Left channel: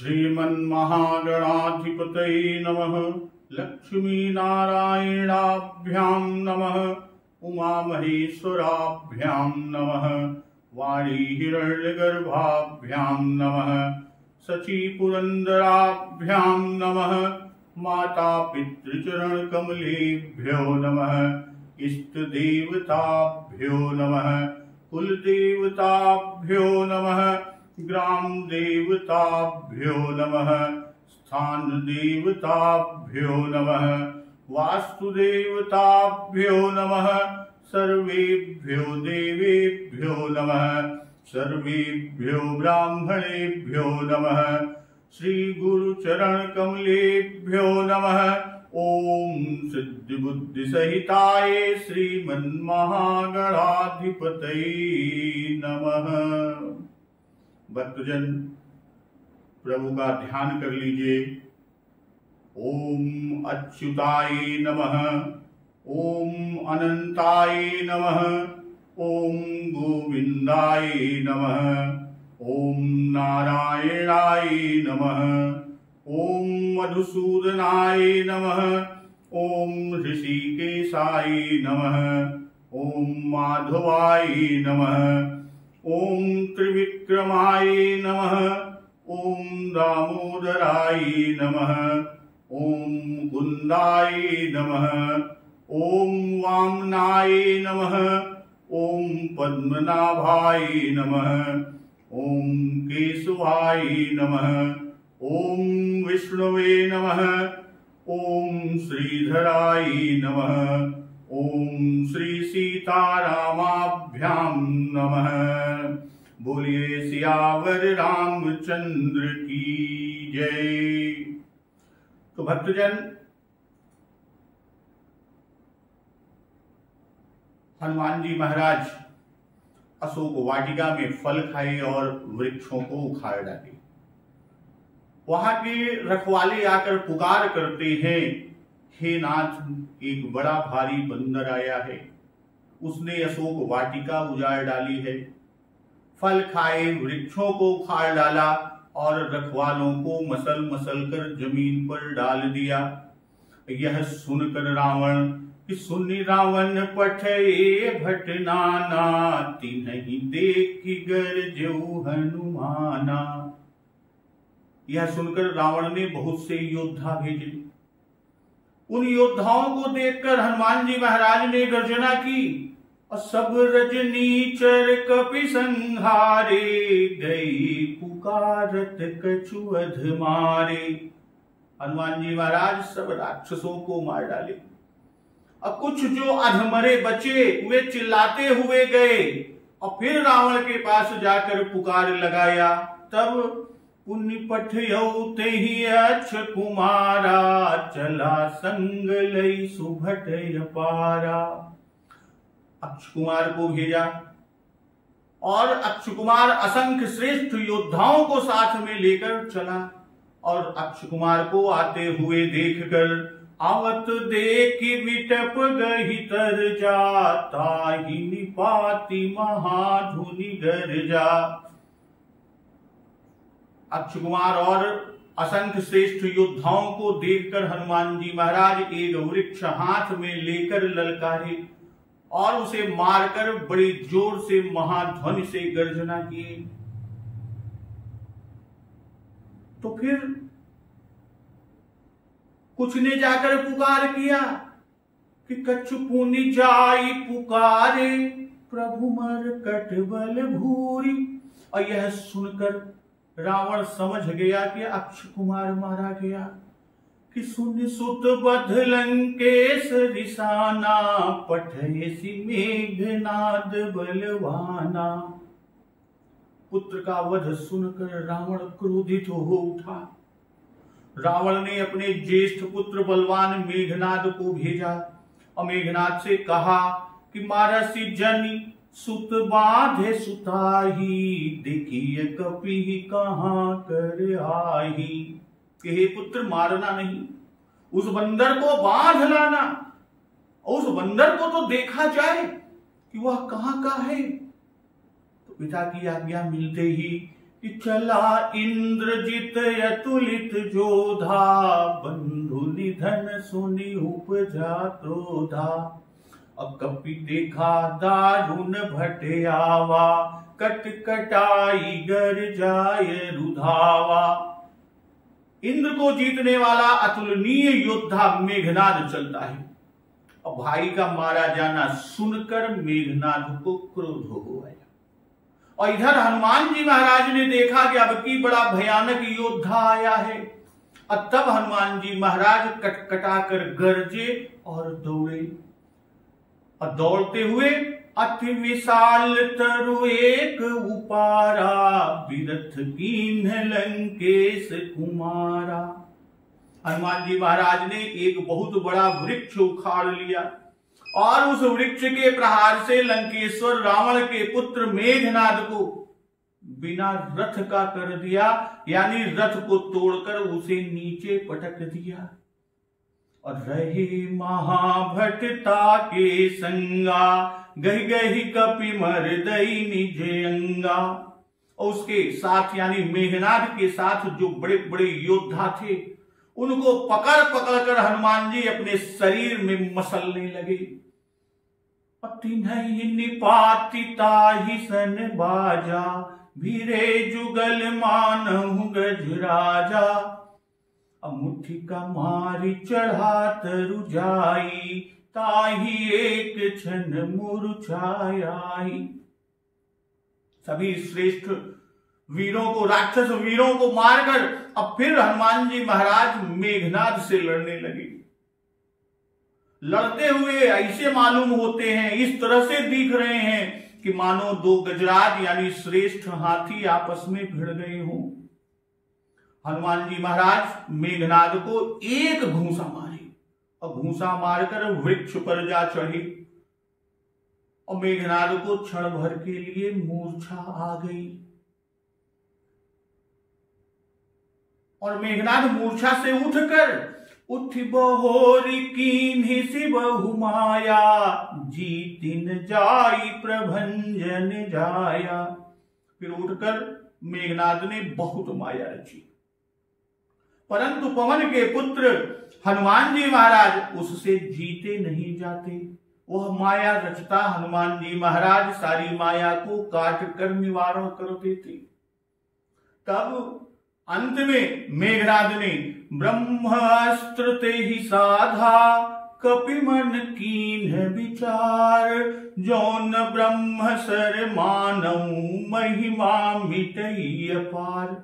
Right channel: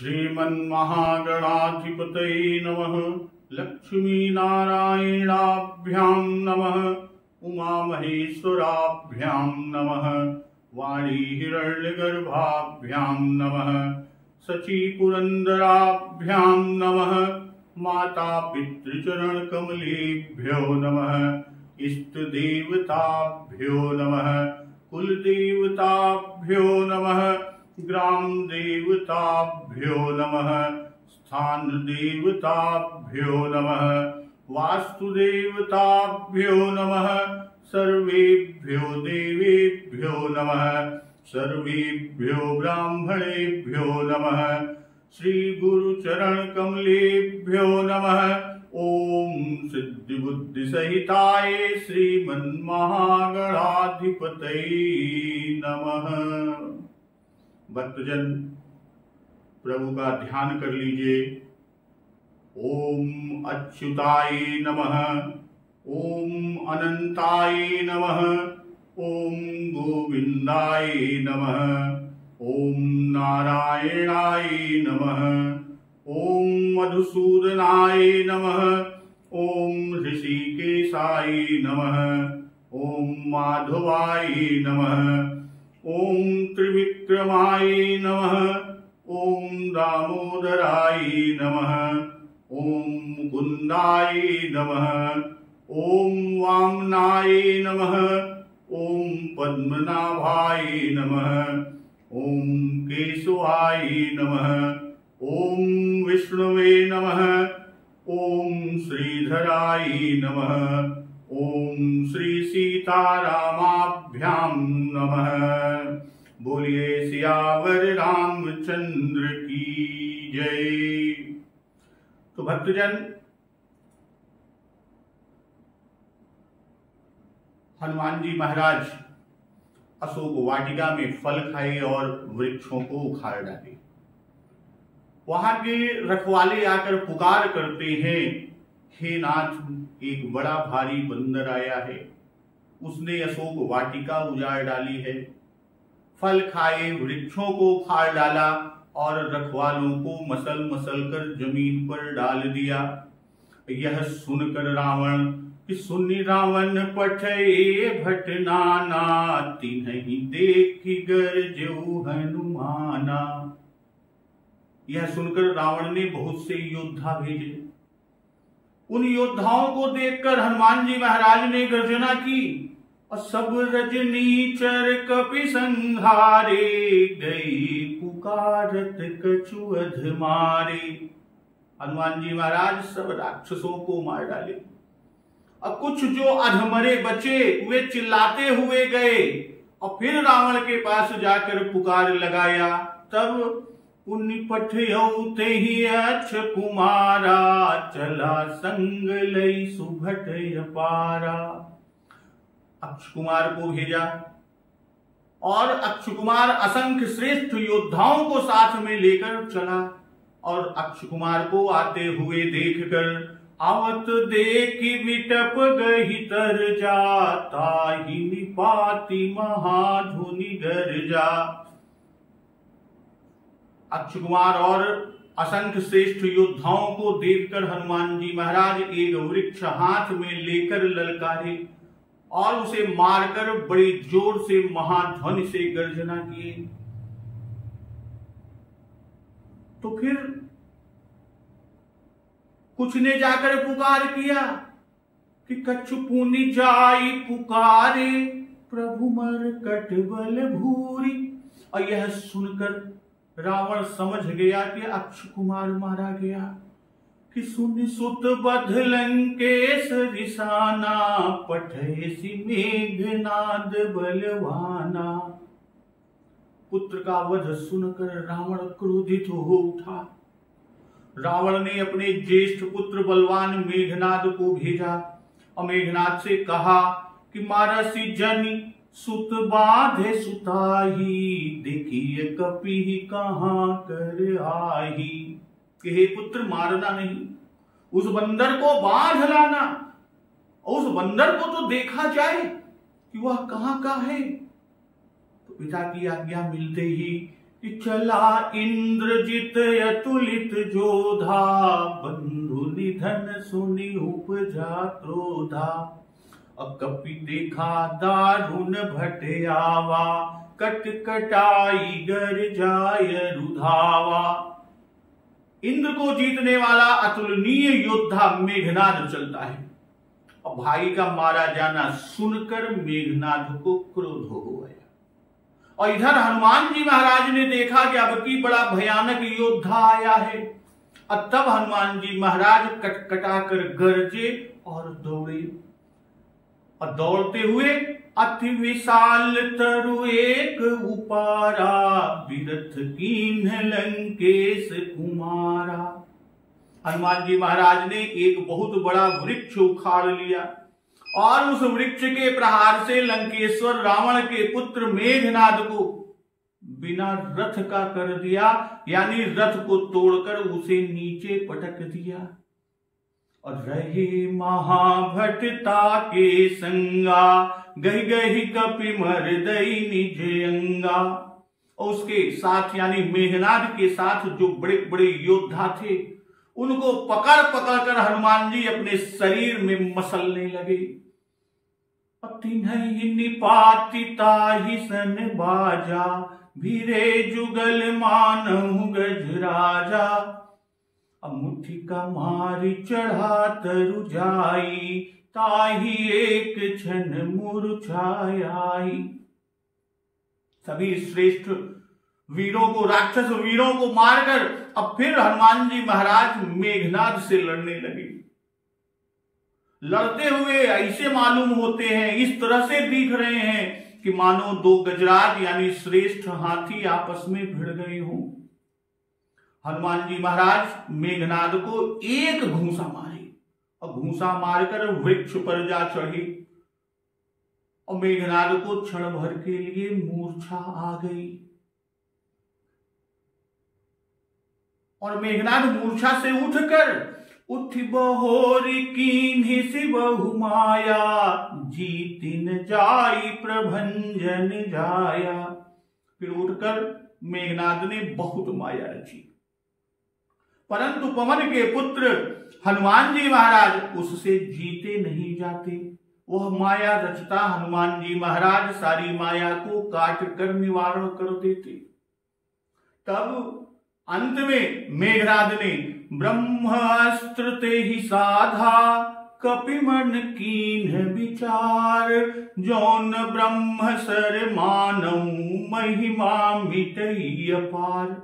श्रीमन्महागणाधिपतये नमः। लक्ष्मीनारायणाभ्यां नमः। उमामहेश्वराभ्यां नमः। वाणीहिरण्यगर्भाभ्यां नमः। शचीपुरन्दराभ्यां नमः। माता पितृचरणकमलेभ्यो नमः। इष्टदेवताभ्यो नमः। कुलदेवताभ्यो नमः। ग्राम देवताभ्यो नमः। स्थान देवताभ्यो नमः। वास्तुदेवताभ्यो नमः। सर्वेभ्यो देवेभ्यो नमः। सर्वेभ्यो ब्राह्मणेभ्यो नमः। श्री गुरु चरण कमलेभ्यो नमः। ओम सिद्धि बुद्धि सहिताय श्रीमन्महागणाधिपतये नमः। भक्तजन प्रभु का ध्यान कर लीजिए। ओम अच्युताय नमः। ओम अनंताय नमः। ओम गोविंदाय नमः। ओम नारायणाय नमः। ओम मधुसूदनाय नमः। ओम ऋषिकेशाय नमः। ओम माधवाय नमः। ओम त्रिविक्रमाय नमः। ओम दामोदराय नमः। ओम मुकुंदाय नमः। ओम वामनाय नमः। ओम पद्मनाभाय नमः। ओम केशवाय नमः। ओम विष्णुवे नमः। ओम श्रीधराय नमः। ओम श्री सीतारामाभ्यां नमः। बोलिए सियावर रामचंद्र की जय। तो भक्तजन, हनुमान जी महाराज अशोक वाटिका में फल खाए और वृक्षों को उखाड़ डाले। वहां के रखवाले आकर पुकार करते हैं, हे नाथ, एक बड़ा भारी बंदर आया है, उसने अशोक वाटिका उजाड़ डाली है, फल खाए, वृक्षों को उखाड़ डाला और रखवालों को मसल मसल कर जमीन पर डाल दिया। यह सुनकर रावण कि सुनि रावण पठये भट नाना, तिन्हि देखि गरजऊ हनुमाना। यह सुनकर रावण ने बहुत से योद्धा भेजे। उन योद्धाओं को देखकर हनुमान जी महाराज ने गर्जना की और सब रजनीचर कपि संहारे, गई पुकारत कछु अध मारे। हनुमान जी महाराज सब राक्षसों को मार डाले। अब कुछ जो अधमरे बचे वे चिल्लाते हुए गए और फिर रावण के पास जाकर पुकार लगाया। तब पुण्य पठयौते ही अक्ष कुमारा, चला संग लई सुभट अपारा। अक्ष कुमार को भेजा और अक्ष कुमार असंख्य श्रेष्ठ योद्धाओं को साथ में लेकर चला और अक्ष कुमार को आते हुए देखकर आवत देखी विटप गही तर जाता, ही निपाति महाधुनि गर्जा। अक्ष कुमार और असंख्य श्रेष्ठ योद्धाओं को देखकर हनुमान जी महाराज एक वृक्ष हाथ में लेकर ललकारे और उसे मारकर बड़ी जोर से महाध्वनि से गर्जना किए। तो फिर कुछ ने जाकर पुकार किया कि कछु पुनि जाई पुकारे, प्रभु मरकट बल भूरी। और यह सुनकर रावण समझ गया कि अक्ष कुमार मारा गया। कि सुन सुत बध लंकेश रिसाना, पठयसि मेघनाद बलवाना। पुत्र का वध सुनकर रावण क्रोधित हो उठा। रावण ने अपने ज्येष्ठ पुत्र बलवान मेघनाद को भेजा और मेघनाद से कहा कि मारसी जनि सुत बाधे सुताही, देखिए कपि कहाँ कर आही। कि हे पुत्र, मारना नहीं, उस बंदर को बांध लाना और उस बंदर को तो देखा जाए कि वह कहाँ का है। तो पिता की आज्ञा मिलते ही कि चला इंद्रजित अतुलित जोधा, बंधु निधन सुनि उपजा क्रोधा। कपि देखा दारुण भट आवा, कटकटाई गर जाय रुधावा। इंद्र को जीतने वाला अतुलनीय योद्धा मेघनाद चलता है और भाई का मारा जाना सुनकर मेघनाद को क्रोध हो गया। और इधर हनुमान जी महाराज ने देखा कि अब की बड़ा भयानक योद्धा आया है। और तब हनुमान जी महाराज कटकटा कर गरजे और दौड़े। और दौड़ते हुए अति विशाल तरु एक उपारा, बिरथ कीन्ह लंकेश कुमारा। हनुमान जी महाराज ने एक बहुत बड़ा वृक्ष उखाड़ लिया और उस वृक्ष के प्रहार से लंकेश्वर रावण के पुत्र मेघनाद को बिना रथ का कर दिया, यानी रथ को तोड़कर उसे नीचे पटक दिया। और रहे महाभटता के संगा, गही गही कपि मर्दई निज अंगा। और उसके साथ यानी मेघनाद के साथ जो बड़े बड़े योद्धा थे, उनको पकड़ पकड़ कर हनुमान जी अपने शरीर में मसलने लगे। तिन्हि निपाति ताहि सन बाजा, भीरे जुगल मानहु गजराजा। मुट्ठी का मारी चढ़ा तरु जाई, ताहि एक क्षण मूर्छाई। सभी श्रेष्ठ वीरों को, राक्षस वीरों को मारकर अब फिर हनुमान जी महाराज मेघनाद से लड़ने लगे। लड़ते हुए ऐसे मालूम होते हैं, इस तरह से दिख रहे हैं कि मानो दो गजराज यानी श्रेष्ठ हाथी आपस में भिड़ गए हों। हनुमान जी महाराज मेघनाद को एक घूंसा मारे और घूंसा मारकर वृक्ष पर जा चढ़े। और मेघनाद को क्षण भर के लिए मूर्छा आ गई। और मेघनाद मूर्छा से उठकर उठ बहोरी कीन्हि सिबहु माया, जीतिन जाई प्रभंजन जाया। फिर उठकर मेघनाद ने बहुत माया रची, परंतु पवन के पुत्र हनुमान जी महाराज उससे जीते नहीं जाते। वह माया रचता हनुमान जी महाराज सारी माया को काट कर निवारण कर देते। तब अंत में मेघनाद ने ब्रह्मास्त्र ते ही साधा, कपि मन कीन्ह विचार, जौन ब्रह्म सर मानऊ महिमा मिटई अपार।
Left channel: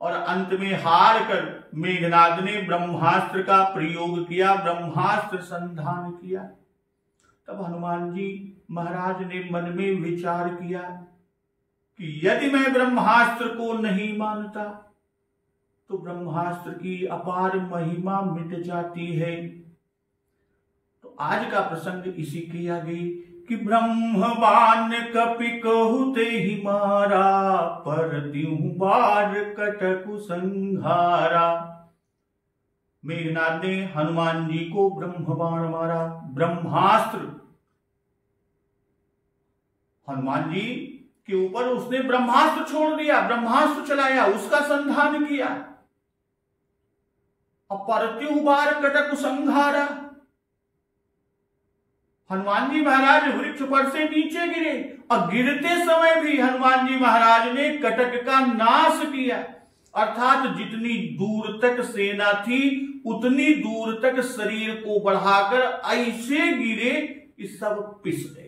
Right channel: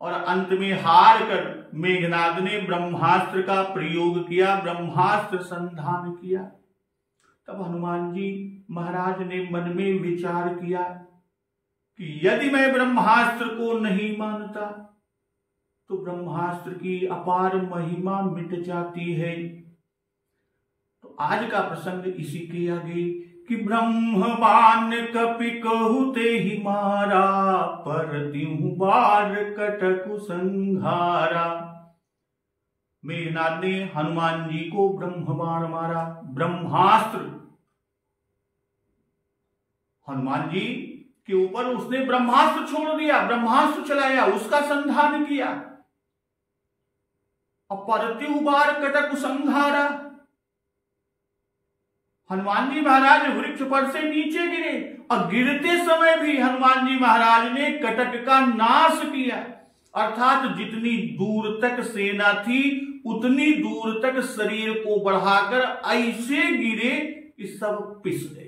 और अंत में हार कर मेघनाद ने ब्रह्मास्त्र का प्रयोग किया, ब्रह्मास्त्र संधान किया। तब हनुमान जी महाराज ने मन में विचार किया कि यदि मैं ब्रह्मास्त्र को नहीं मानता तो ब्रह्मास्त्र की अपार महिमा मिट जाती है। तो आज का प्रसंग इसी के आगे कि ब्रह्मवान कपि कहते ही मारा, पर त्यों बार कटकु संहारा। मेघनाद ने हनुमान जी को ब्रह्मबाण मारा, ब्रह्मास्त्र हनुमान जी के ऊपर उसने ब्रह्मास्त्र छोड़ दिया, ब्रह्मास्त्र चलाया, उसका संधान किया। और परत्यु बार कटकु संहारा। हनुमान जी महाराज वृक्ष पर से नीचे गिरे और गिरते समय भी हनुमान जी महाराज ने कटक का नाश किया। अर्थात जितनी दूर तक सेना थी उतनी दूर तक शरीर को बढ़ाकर ऐसे गिरे कि सब पिस गए।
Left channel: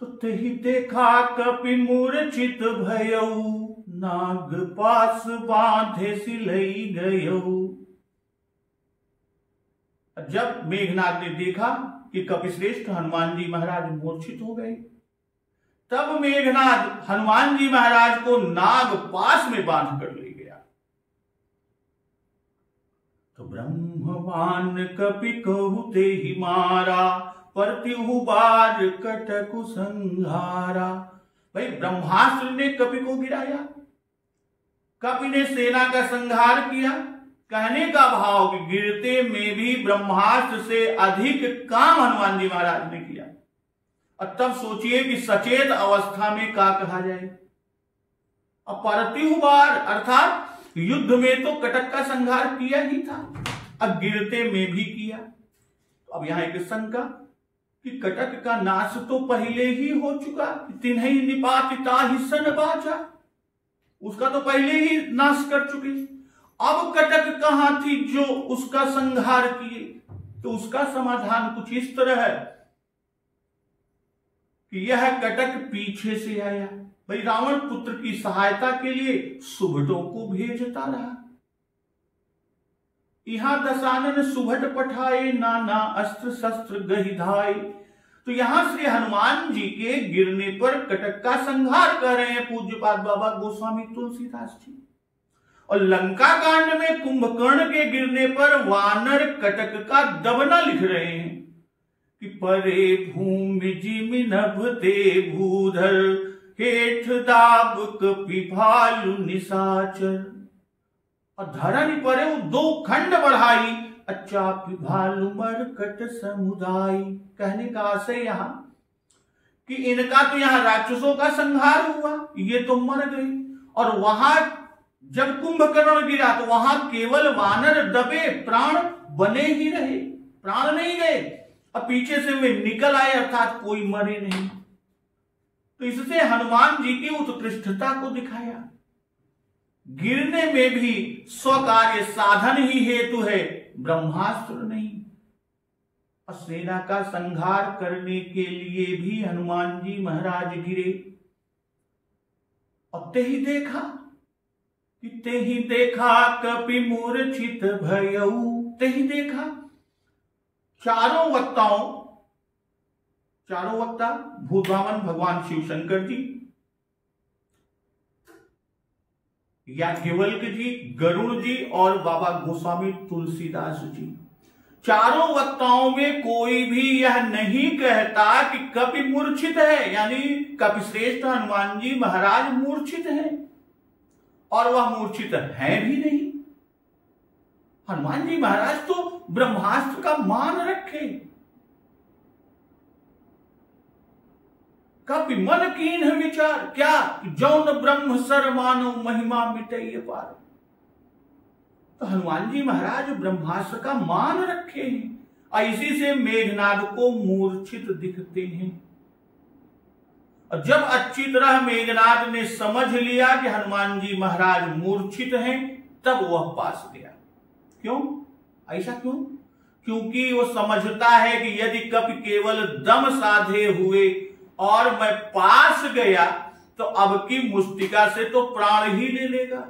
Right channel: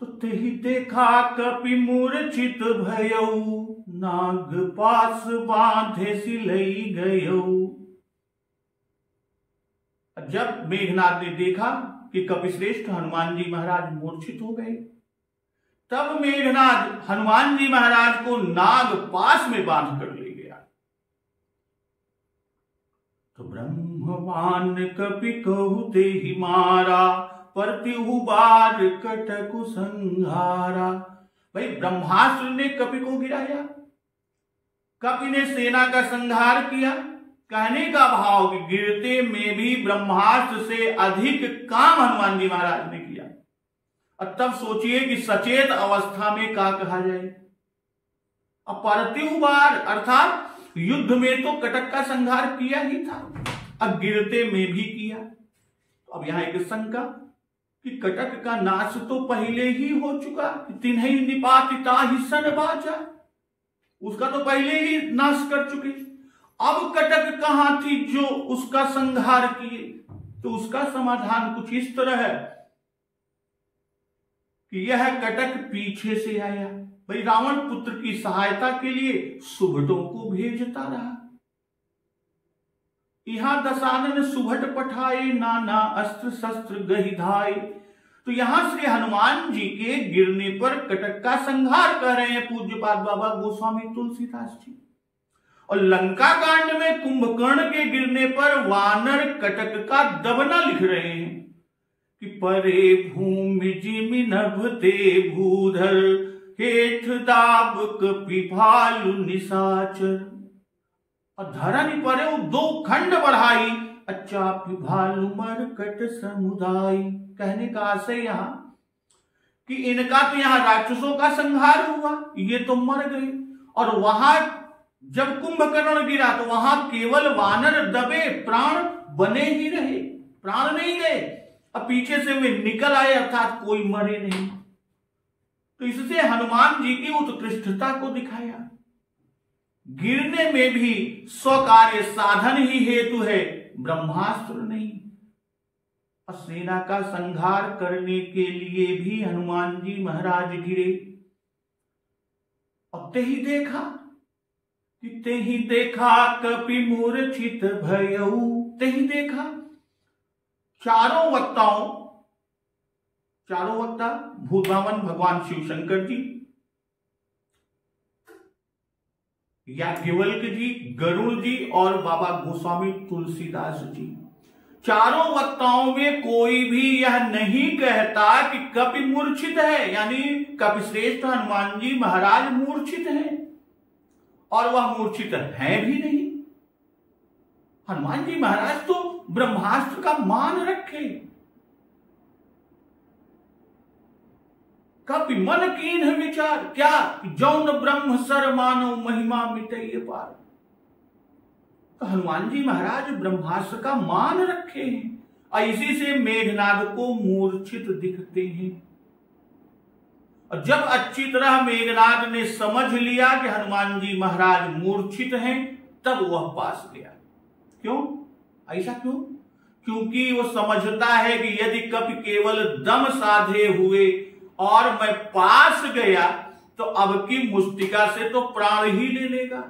तो तेहि देखा कपि मूर्छित भयऊ, नाग पास बांधे सिलई गयऊ। जब मेघनाद ने देखा कि कपिश्रेष्ठ हनुमान जी महाराज मूर्छित हो गए, तब मेघनाद हनुमान जी महाराज को नाग पास में बांध कर ले गया। तो ब्रह्मवान कपि कहते ही मारा, परत्यु बार कटकु संहारा। भाई ब्रह्मास्त्र ने कपि को गिराया, कपि ने सेना का संहार किया कहने का भाव कि गिरते में भी ब्रह्मास्त्र से अधिक काम हनुमान जी महाराज ने किया। और तब सोचिए कि सचेत अवस्था में क्या कहा जाए। अपार्थिव बार अर्थात युद्ध में तो कटक का संहार किया ही था, अब गिरते में भी किया। अब यहां एक शंका कि कटक का नाश तो पहले ही हो चुका, तिन्हीं निपातिता ही सन बाचा, उसका तो पहले ही नाश कर चुके। अब कटक कहां थी जो उसका संहार किए? तो उसका समाधान कुछ इस तरह है कि यह कटक पीछे से आया। भाई रावण पुत्र की सहायता के लिए सुभटों को भेजता रहा। यहां दशानन सुभट पठाए, नाना अस्त्र शस्त्र गहिधाए। तो यहां श्री हनुमान जी के गिरने पर कटक का संहार कर रहे हैं पूज्यपाद बाबा गोस्वामी तुलसीदास जी। और लंका कांड में कुंभकर्ण के गिरने पर वानर कटक का दबना लिख रहे हैं कि परे भूमि जिमि नभते भूधर, हेठ दाब कपि भालु निशाचर। और धरनी परे वो 2 खंड बढ़ाई, अचापि भालु मरकट समुदाय। कहने का आशय यहां कि इनका तो यहां राक्षसों का संहार हुआ, ये तो मर गए। और वहां जब कुंभकर्ण गिरा तो वहां केवल वानर दबे, प्राण बने ही रहे, प्राण नहीं गए। अब पीछे से वे निकल आए, अर्थात कोई मरे नहीं। तो इससे हनुमान जी की उत्कृष्टता को दिखाया। गिरने में भी स्वकार्य साधन ही हेतु है, ब्रह्मास्त्र नहीं। और सेना का संहार करने के लिए भी हनुमान जी महाराज गिरे। और ते ही देखा कपि मूर्छित भयऊ। ते ही देखा, चारों वक्ता भूतवामन भगवान शिव शंकर जी, याज्ञवल्क्य जी, गरुड़ जी और बाबा गोस्वामी तुलसीदास जी, चारों वक्ताओं में कोई भी यह नहीं कहता कि कपि मूर्छित है, यानी कपिश्रेष्ठ हनुमान जी महाराज मूर्छित हैं। और वह मूर्छित है भी नहीं। हनुमान जी महाराज तो ब्रह्मास्त्र का मान रखे। कपि मन कीन्ह विचार, क्या जौन ब्रह्म सर मानो महिमा मिटैये पार। तो हनुमान जी महाराज ब्रह्मास्त्र का मान रखे हैं और इसी से मेघनाद को मूर्छित दिखते हैं। और जब अच्छी तरह मेघनाद ने समझ लिया कि हनुमान जी महाराज मूर्छित हैं, तब वह पास गया। क्यों? ऐसा क्यों? क्योंकि वो समझता है कि यदि कपि केवल दम साधे हुए और मैं पास गया तो अब की मुष्टिका से तो प्राण ही ले लेगा।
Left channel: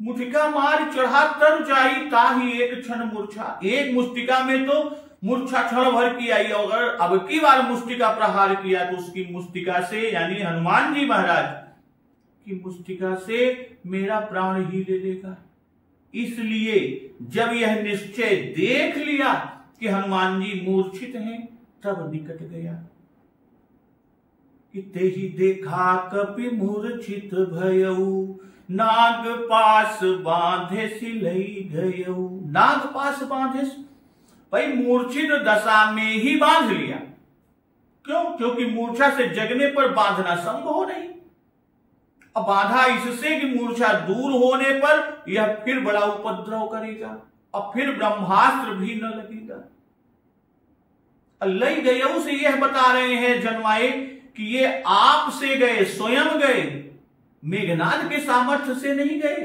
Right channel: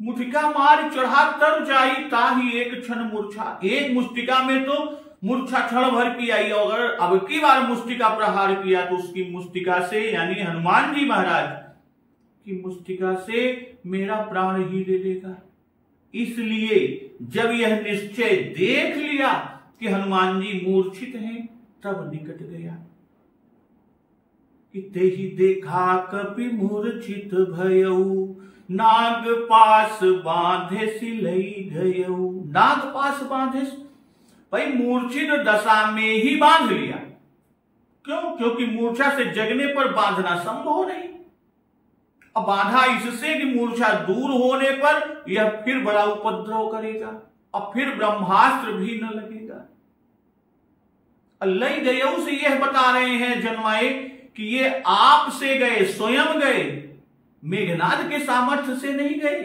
मुठिका मार चढ़ा तर जाई, ताही एक क्षण मूर्छा। एक मुष्टिका में तो मूर्छा क्षण भर की आई, और अगर अब की बार मुष्टिका प्रहार किया तो उसकी मुष्टिका से, यानी हनुमान जी महाराज की मुष्टिका से मेरा प्राण ही ले लेगा। इसलिए जब यह निश्चय देख लिया कि हनुमान जी मूर्छित हैं, तब निकट गया। कि ते ही देखा कपि मूर्छित भयऊ, नाग पास बांधे सिलई गयऊ। नाग पास बांधे, भाई मूर्छित दशा में ही बांध लिया। क्यों? क्योंकि मूर्छा से जगने पर बांधना संभव नहीं। अब बाधा इससे कि मूर्छा दूर होने पर यह फिर बड़ा उपद्रव करेगा और फिर ब्रह्मास्त्र भी न लगेगा। लई गयऊ से यह बता रहे हैं जन्माए कि ये आप से गए, स्वयं गए, मेघनाद के सामर्थ्य से नहीं गए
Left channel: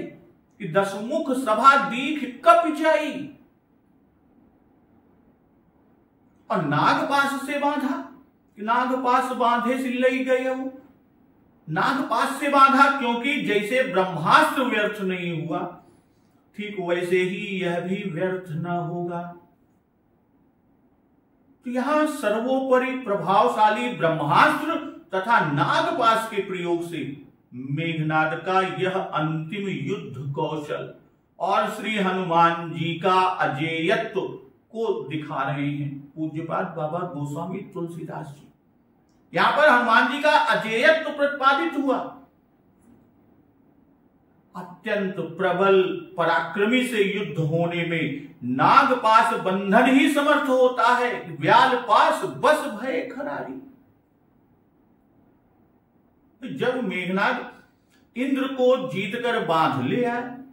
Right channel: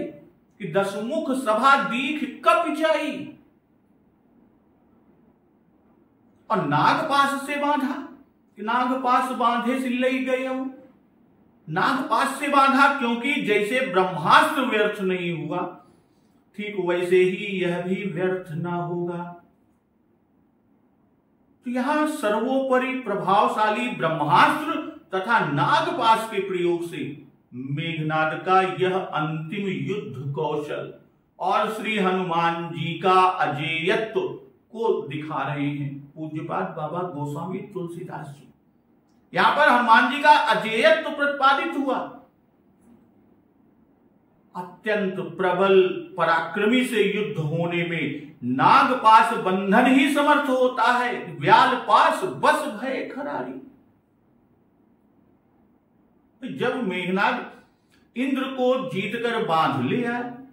कि दसमुख सभा दीख कप जाई। और नागपाश से बांधा कि नागपाश बांधे सिलई गयऊ। नागपाश से बांधा क्योंकि जैसे ब्रह्मास्त्र व्यर्थ नहीं हुआ, ठीक वैसे ही यह भी व्यर्थ ना होगा। तो यहां सर्वोपरि प्रभावशाली ब्रह्मास्त्र तथा नागपाश के प्रयोग से मेघनाद का यह अंतिम युद्ध कौशल और श्री हनुमान जी का अजेयत्व को दिखा रहे हैं पूज्यपाद बाबा गोस्वामी तुलसीदास जी। यहां पर हनुमान जी का अजेयत्व प्रतिपादित हुआ। अत्यंत प्रबल पराक्रमी से युद्ध होने में नागपाश बंधन ही समर्थ होता है। व्याल पास बस भय खरारी। जब मेघनाद इंद्र को जीतकर बांध ले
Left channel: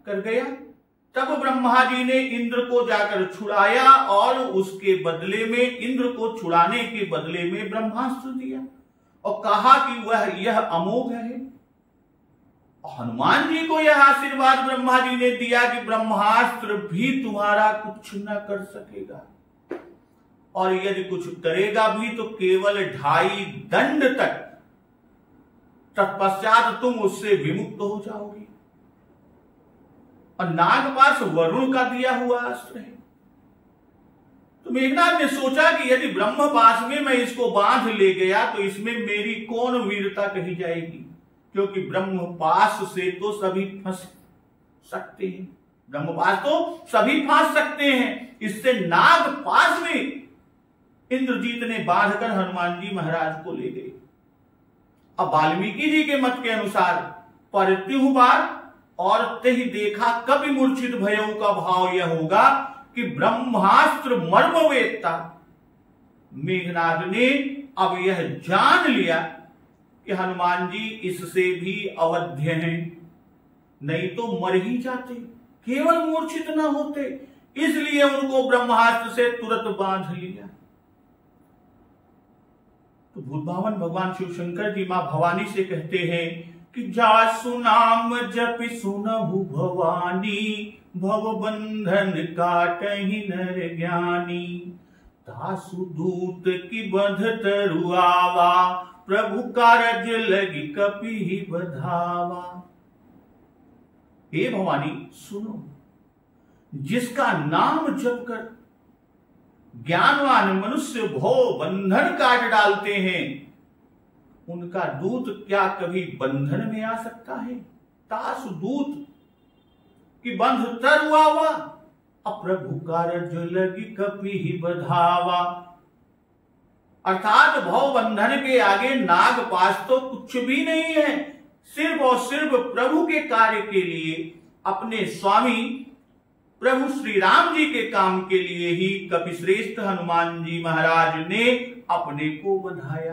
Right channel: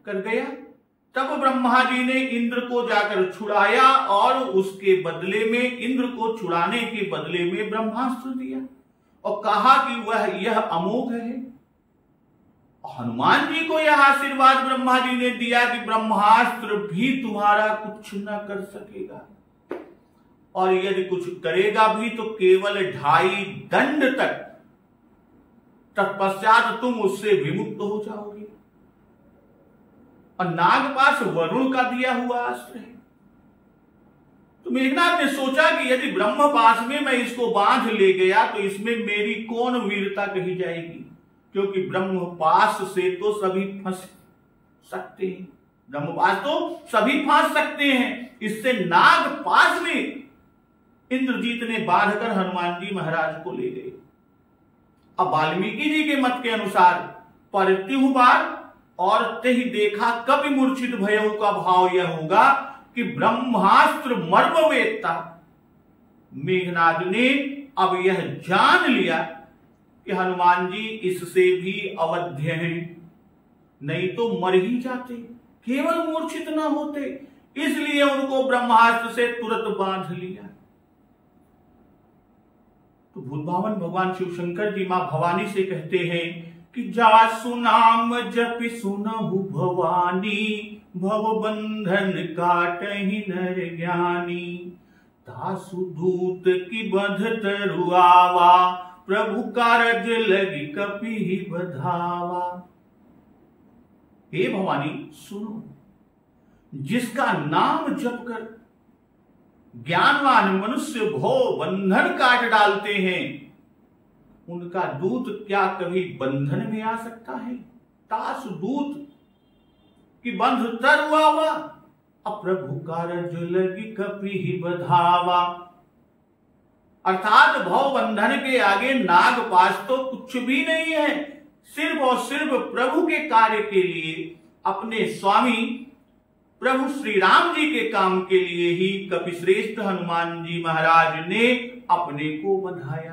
कर गया, तब ब्रह्मा जी ने इंद्र को जाकर छुड़ाया और उसके बदले में, इंद्र को छुड़ाने के बदले में ब्रह्मास्त्र दिया और कहा कि वह यह अमोघ है। हनुमान जी को यह आशीर्वाद ब्रह्मा जी ने दिया कि ब्रह्मास्त्र भी तुम्हारा कुछ न कर सकेगा, और यदि कुछ करेगा भी तो केवल 2.5 दंड तक, तत्पश्चात तुम उससे विमुक्त हो जाओगे। और नागपाश वरुण का दिया हुआ अस्त्र है। तो मेघनाद ने सोचा कि यदि ब्रह्मपाश में मैं इसको बांध ले गया तो इसमें मेरी कौन वीरता कही जाएगी, क्योंकि ब्रह्मपाश से तो सभी फंस सकते हैं, ब्रह्मपाश तो सभी फंस सकते हैं। इससे नागपाश में इंद्रजीत ने बांधकर हनुमान जी महाराज को ले गए। अब वाल्मीकि जी के मत के अनुसार परत्यु बार और तही देखा कभी मूर्छित भयऊ का भाव यह होगा कि ब्रह्मास्त्र मर्म वेत्ता। मेघनाद ने अब यह जान लिया कि हनुमान जी इससे भी अवध्य हैं, नहीं तो मर ही जाते, केवल मूर्छित न होते, इसलिए उनको ब्रह्मास्त्र से तुरंत बांध लिया। तो भूतभावन भगवान शिव शंकर जी मां भवानी से कहते हैं कि जासु नाम जपि सुनहु भवानी, भव बंधन काटहि नर ज्ञानी। तासु दूत की बंध तरुआवा, प्रभु कारज लगी कपि बधावा। हे भवानी सुनो, जिसका नाम जप कर ज्ञानवान मनुष्य भव बंधन काट डालते हैं, उनका दूत क्या कभी बंधन में आ सकता है। तासु दूत की बंध तरुआवा, अप्रभु कारज लगी कपि ही बधावा। अर्थात भव बंधन के आगे नागपाश तो कुछ भी नहीं है, सिर्फ और सिर्फ प्रभु के कार्य के लिए, अपने स्वामी प्रभु श्री राम जी के काम के लिए ही कपिश्रेष्ठ हनुमान जी महाराज ने अपने को बंधाया।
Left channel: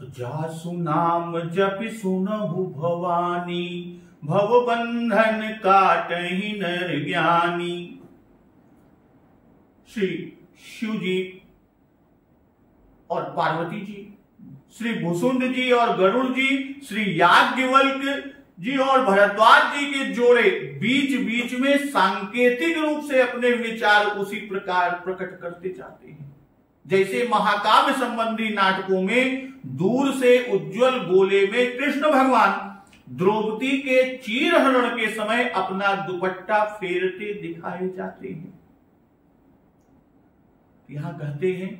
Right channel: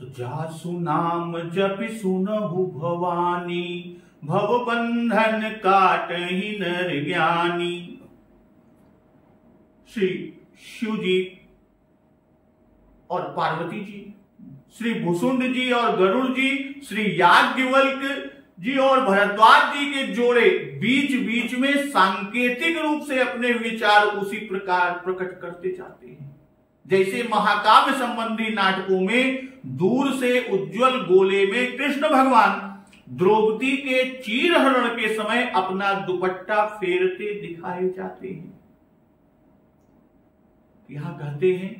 तो जासु नाम जपि सुनहु भवानी, भव बंधन काटहि नर ज्ञानी। श्री शिव जी और पार्वती जी, श्री भुसुंड जी और गरुड़ जी, श्री याज्ञवल्क्य जी और भरद्वाज जी के जोड़े बीच बीच में सांकेतिक रूप से अपने विचार उसी प्रकार प्रकट करते जाते हैं, जैसे महाकाव्य संबंधी नाटकों में दूर से उज्जवल गोले में कृष्ण भगवान द्रौपदी के चीरहरण के समय अपना दुपट्टा फेरते दिखाए जाते हैं। यहां कहते हैं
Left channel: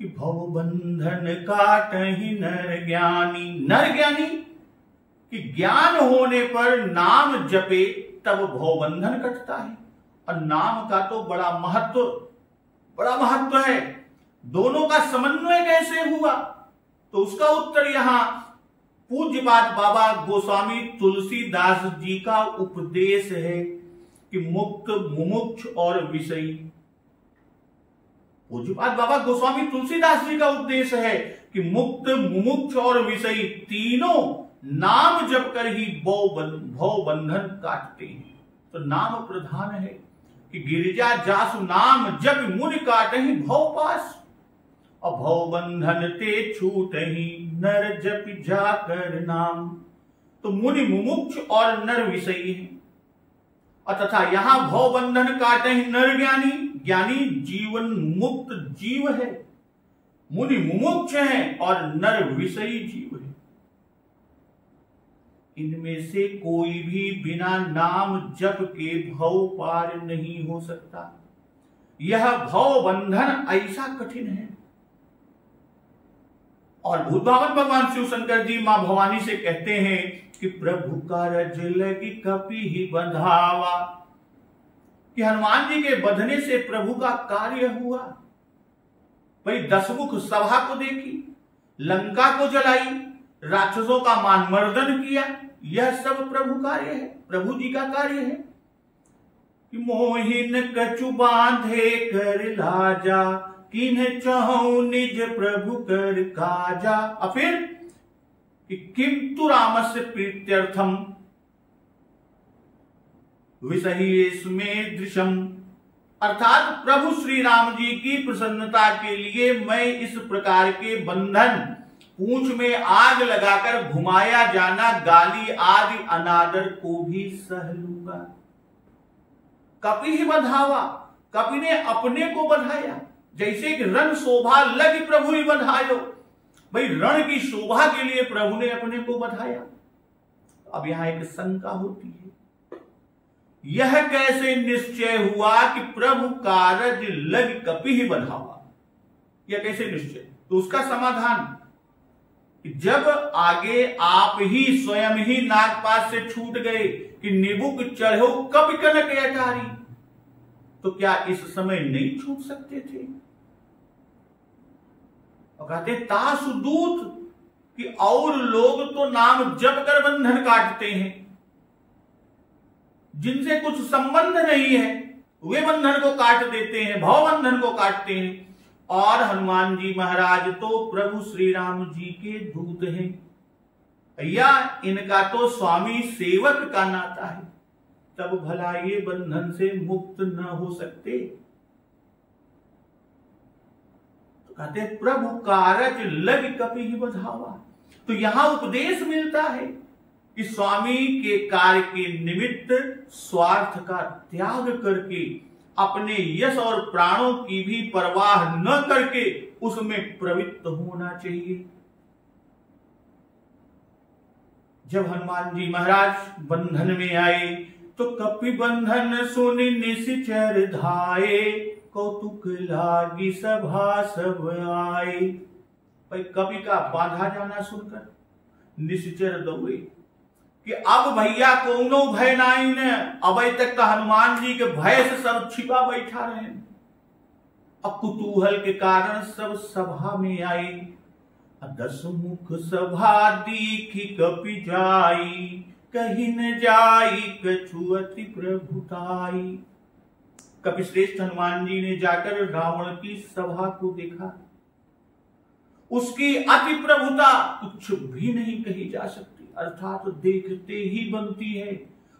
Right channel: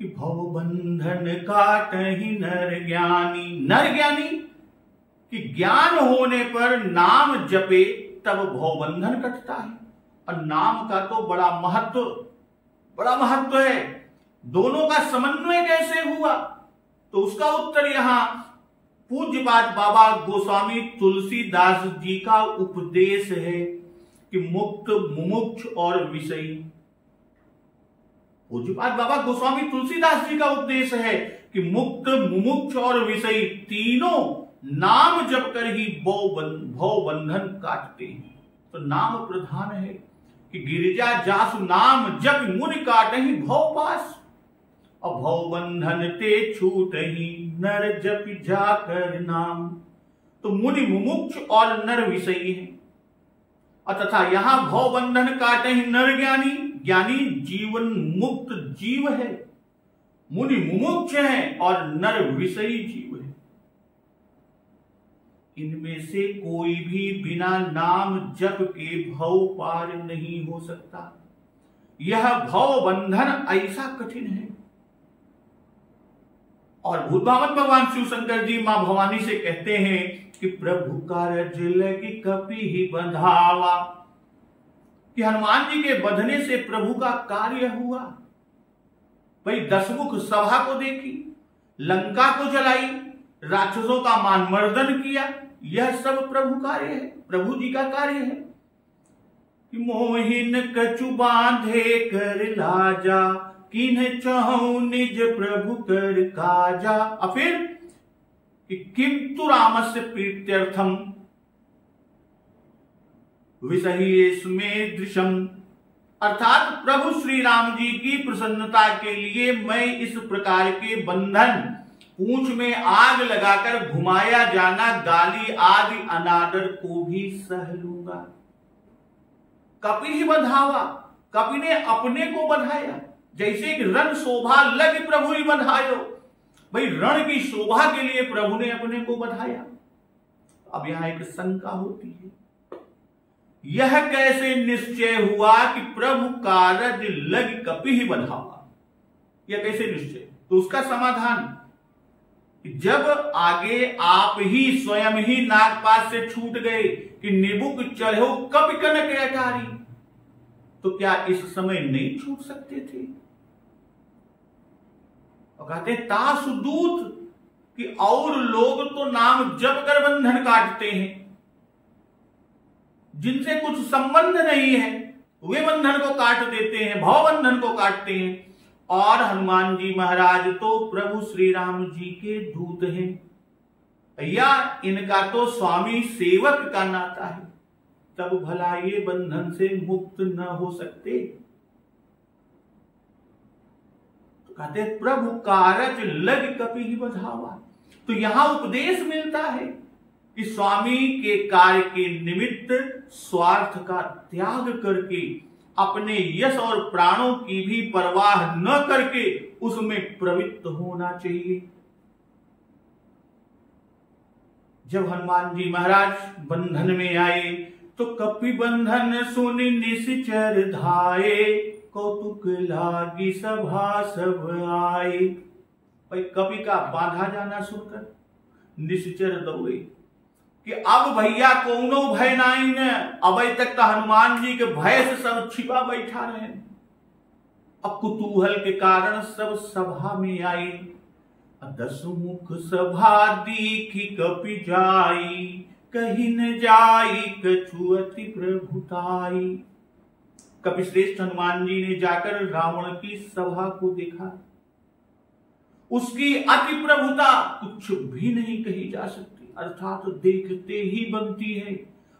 कि भव बंधन काटहि नर ज्ञानी। नर ज्ञानी कि ज्ञान होने पर नाम जपे तब भव बंधन कटता है, और नाम का तो बड़ा महत्व है। दोनों का समन्वय कैसे हुआ, तो उसका उत्तर यहां पूज्यपाद बाबा गोस्वामी तुलसीदास जी का उपदेश है कि मुक्त, मुमुक्ष और विषयी। पूज्यपाद बाबा गोस्वामी तुलसीदास जी का उपदेश है कि मुक्त, मुमुक्ष और विषयी तीनों नाम जप कर ही भव बंधन काटते हैं। तो नाम प्रधान है कि गिरिजा जासु नाम जप मुनि काटहि भव पास, और भव बंधन ते छूटहि नर जप जाकर नाम। तो मुनि मुमुक्ष और नर विषयी है, और तथा यहां भव बंधन काटहि नर ज्ञानी। ज्ञानी जीवन मुक्त जीव है, मुनि मुमुक्ष है और नर विषयी जीव है। इनमें से कोई भी बिना नाम जप के भव पार नहीं हो सकता। यह भव बंधन ऐसा कठिन है। और भूतभावन भगवान शिव शंकर जी मां भवानी से कहते हैं कि प्रभु कारज लगी कपि ही बंधावा, कि हनुमान जी के बंधने से प्रभु का कार्य हुआ। भाई 10 मुख सभा को देखी, लंका को जलाई, राक्षसों का मान मर्दन किया। यह सब प्रभु कार्य है, प्रभु जी का कार्य है। कि मोहिन कछु बांधे कर लाजा, किन्ह चाहूं निज प्रभु कर काजा। और फिर कि किंतु रामस्य प्रीत्यर्थम विसह्येस्मे दृशम, अर्थात प्रभु श्री राम जी की प्रसन्नता के लिए मैं इस प्रकार के बंधन, पूंछ में आग लगाकर घुमाया जाना, गाली आदि अनादर को भी सह लूंगा। कपि ही बधावा, कपि ने अपने को बधाया। जैसे कि रण शोभा लग प्रभु ही बधायो, भाई रण की शोभा के लिए प्रभु ने अपने को बधाया। अब यहां एक शंका होती है, यह कैसे निश्चय हुआ कि प्रभु कारज लग कपि ही बधावा, यह कैसे निश्चय? तो उसका समाधान, जब आगे आप ही स्वयं ही नागपात से छूट गए कि निबुक चढ़ो कपि कनक अटारी, तो क्या इस समय नहीं छूट सकते थे? और कहते तासुदूत कि और लोग तो नाम जप कर बंधन काटते हैं, जिनसे कुछ संबंध नहीं है वे बंधन को काट देते हैं, भव बंधन को काटते हैं। और हनुमान जी महाराज तो प्रभु श्री राम जी के दूत हैं, या इनका तो स्वामी सेवक का नाता है, तब भला ये बंधन से मुक्त न हो सकते? तो कहते प्रभु कारज लग कपि ही बधावा। तो यहां उपदेश मिलता है कि स्वामी के कार्य के निमित्त स्वार्थ का त्याग करके, अपने यश और प्राणों की भी परवाह न करके उसमें प्रवृत्त होना चाहिए। जब हनुमान जी महाराज बंधन में आए तो कपि बंधन सुन निश्चर धाये, कौतुक लागी सभा सब आए। भाई कपि का बांधा जाना सुनकर निश्चर दौड़े कि अब भैया कौनो भय नाई न, अब तक तो हनुमान जी के भय से सब छिपा बैठा रहे। अब कुतूहल के कारण सब सभा में आई, 10 मुख सभा दीखी कपि जाई, कहीं न जाई कछु अति प्रभुताई। कपि श्रेष्ठ हनुमान जी ने जाकर रावण की सभा को देखा, उसकी अति प्रभुता कुछ भी नहीं कही जा सकती, अर्थात देखते ही बनती है।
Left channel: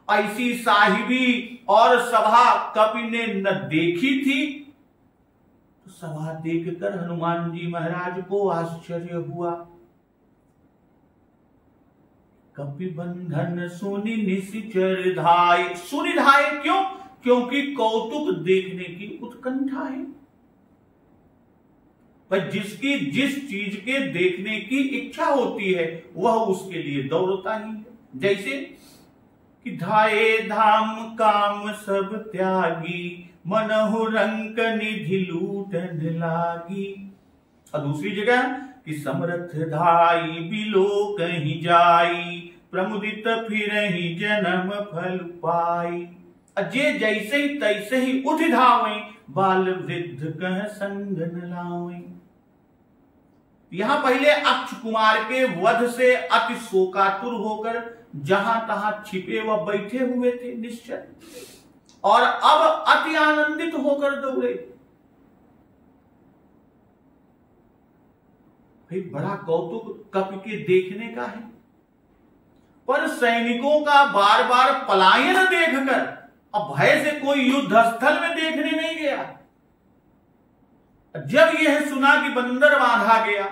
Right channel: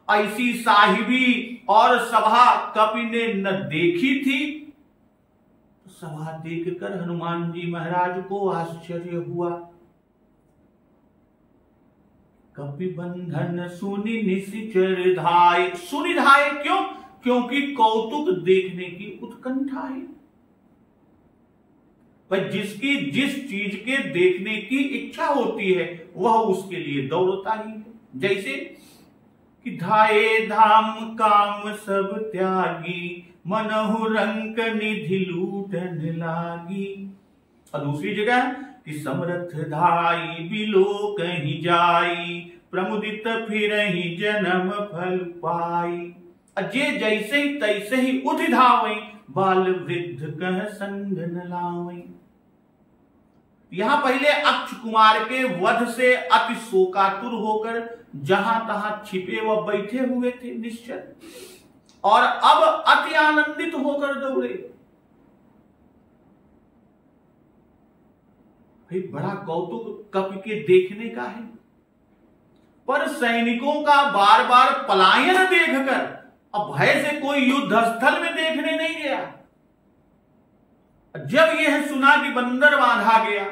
ऐसी साहिबी और सभा कपि ने न देखी थी। तो सभा देखकर हनुमान जी महाराज को आश्चर्य हुआ। कपि बंधन सुनि निश्चर धाय, सुनि धाय क्यों? क्योंकि कौतुक देखने की उत्कंठा है। भाई जिसकी जिस चीज के देखने की इच्छा होती है वह उसके लिए दौड़ता ही है। जैसे कि धाये धाम काम सब त्यागी, मनहु रंक निधि लूटन लागी। और दूसरी जगह कि समर्थ धाई बिलो कहीं जाई, प्रमुदित फिरहि जन्म फल पाई। अजय जैसे ही तैसे ही उठ धावे, बाल वृद्ध कह संग न लावे। यहां पहले अक्ष कुमार के वध से अति शोकातुर होकर जहां तहां छिपे व बैठे हुए थे निश्चय, और अब अति आनंदित होकर दौड़े। भाई बड़ा कौतुक कपि के देखने का है, पर सैनिकों का बार बार पलायन देखकर अब भय से कोई युद्ध स्थल में देखने नहीं गया। जब यह सुना कि बंदर बांधा गया,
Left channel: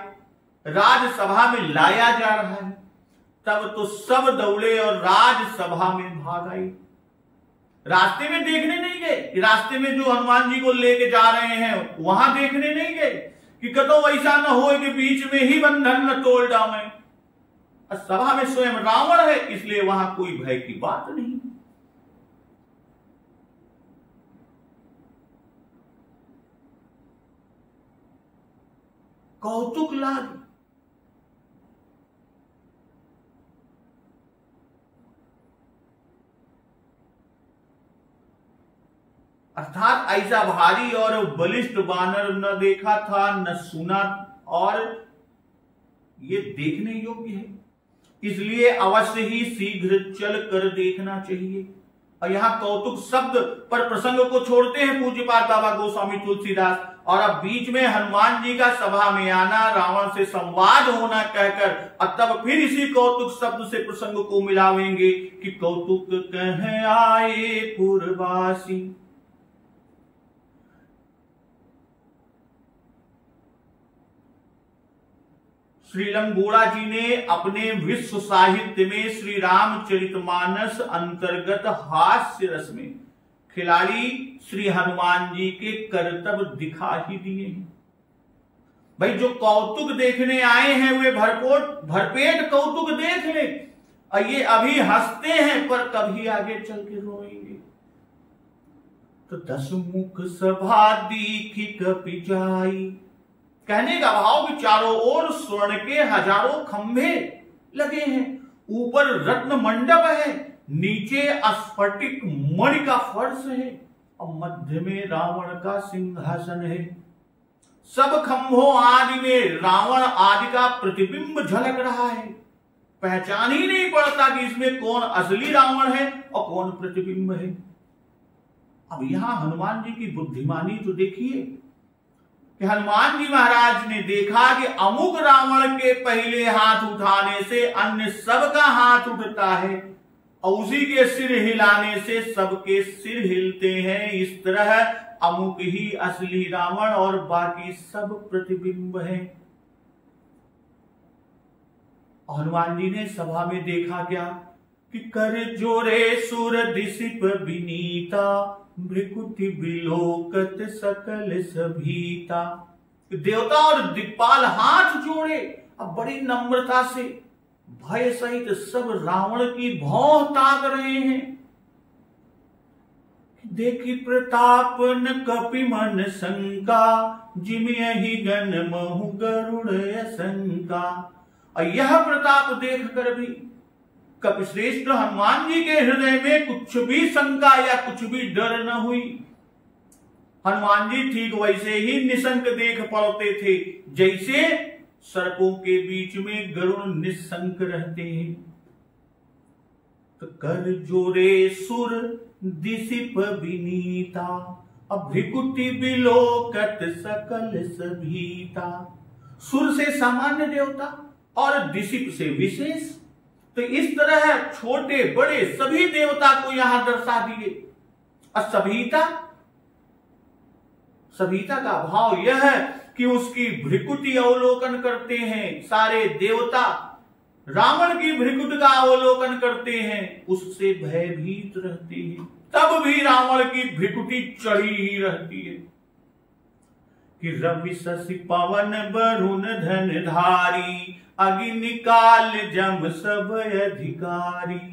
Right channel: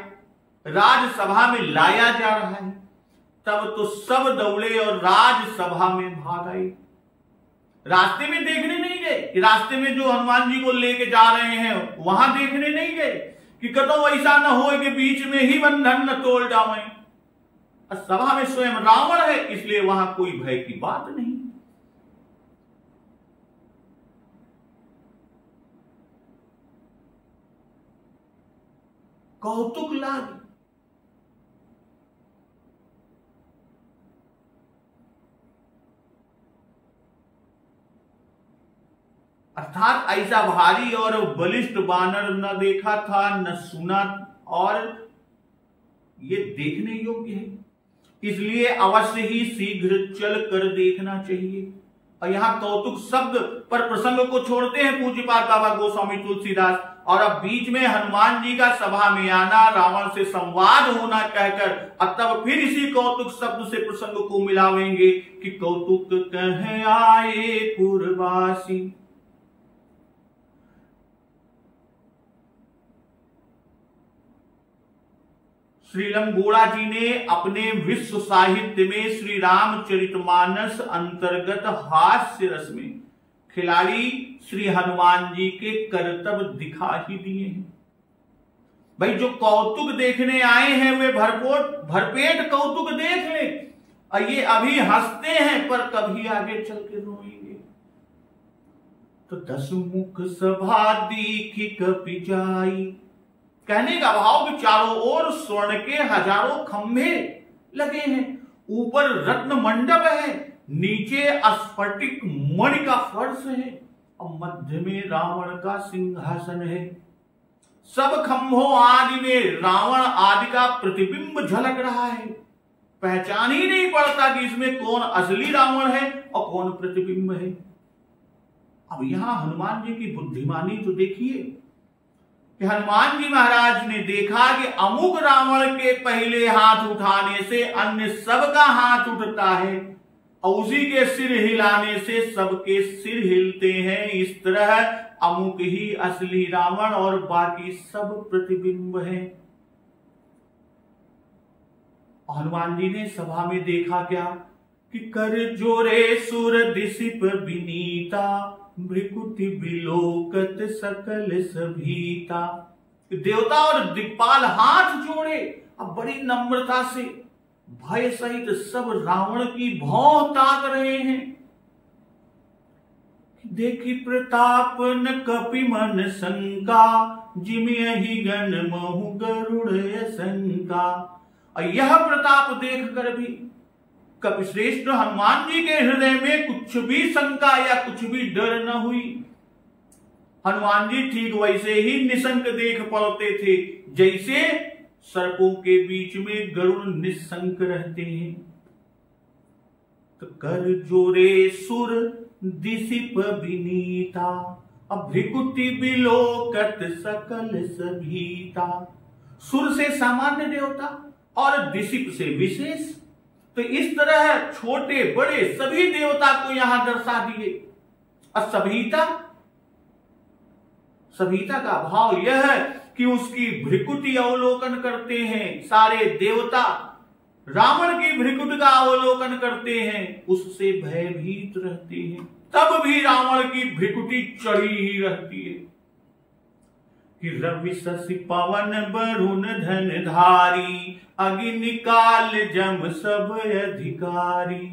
राजसभा में लाया जा रहा है, तब तो सब दौड़े और राजसभा में भाग आए। रास्ते में देखने नहीं गए, रास्ते में जो हनुमान जी को लेके जा रहे हैं वहां देखने नहीं गए कि कतो ऐसा न हो कि बीच में ही बंधन न तोड़ डालें। सभा में स्वयं रावण है, इसलिए वहां कोई भय की बात नहीं। कौतुक लाग, अर्थात ऐसा भारी और बलिष्ठ बानर न देखा था न सुना, और ये देखने योग्य है। इसलिए अवश्य ही शीघ्र चल कर देखना चाहिए। और यहां कौतुक शब्द पर प्रसंग को छोड़ते हैं पूज्यपाद बाबा गोस्वामी तुलसीदास, और अब बीच में हनुमान जी का सभा में आना, रावण से संवाद होना कहकर और तब फिर इसी कौतुक शब्द से प्रसंग को मिलावेंगे कि कौतुक कह आए पुरवासी। श्रीलम गोड़ा जी ने अपने विश्व साहित्य में श्री रामचरितमानस अंतर्गत हास्य रस में खिलाड़ी श्री हनुमान जी के करतब दिखा ही दिए हैं। भाई जो कौतुक देखने आए हैं वे भरपेट कौतुक देख ले, और ये अभी हंसते हैं पर कभी आगे चल के रोएंगे। तो 10 मुख सभा दीखी कपि जाई, कहने का भाव कि चारों ओर स्वर्ण के हजारों खंभे लगे हैं, ऊपर रत्न मंडप है, नीचे स्फटिक मणि का फर्श है और मध्य में रावण का सिंहासन है। सब खंभों आदि में रावण आदि का प्रतिबिंब झलक रहा है। पहचान ही नहीं पड़ता कि इसमें कौन असली रावण है और कौन प्रतिबिंब है। अब यहां हनुमान जी की बुद्धिमानी तो देखिए कि हनुमान जी महाराज ने देखा कि अमुक रावण के पहले हाथ उठाने से अन्य सबका हाथ उठता है और उसी के सिर हिलाने से सबके सिर हिलते हैं। इस तरह अमुक ही असली रावण और बाकी सब प्रतिबिंब हैं। हनुमान जी ने सभा में देखा क्या कि कर जोरे सुर दिसिप विनीता, भृकुटि बिलोकत सकल सभीता। देवता और दिक्पाल हाथ जोड़े अब बड़ी नम्रता से भय सहित सब रावण की भौं ताक रहे हैं। देखी प्रताप न कपि मन शंका, जिमियहि गण महु गरुड़ शंका। और यह प्रताप देखकर भी कपिश्रेष्ठ हनुमान जी के हृदय में कुछ भी शंका या कुछ भी डर न हुई। हनुमान जी ठीक वैसे ही निशंक देख पड़ते थे जैसे सर्पों के बीच में गरुड़ निशंक रहते हैं। तो कर जोरे सुर दिसिप विनीता, अब भृकुटि बिलोकत सकल सभीता। सुर से सामान्य देवता और दिसिप से विशेष, तो इस तरह छोटे बड़े सभी देवता को यहां दर्शा दिए। और सभीता का भाव यह है कि उसकी भृकुटि अवलोकन करते हैं। सारे देवता रावण की भृकुट का अवलोकन करते हैं, उससे भयभीत रहते हैं, तब भी रावण की भृकुटि चढ़ी ही रहती है। कि रवि शशि पवन वरुण धनधारी, अग्नि काल जम सब अधिकारी।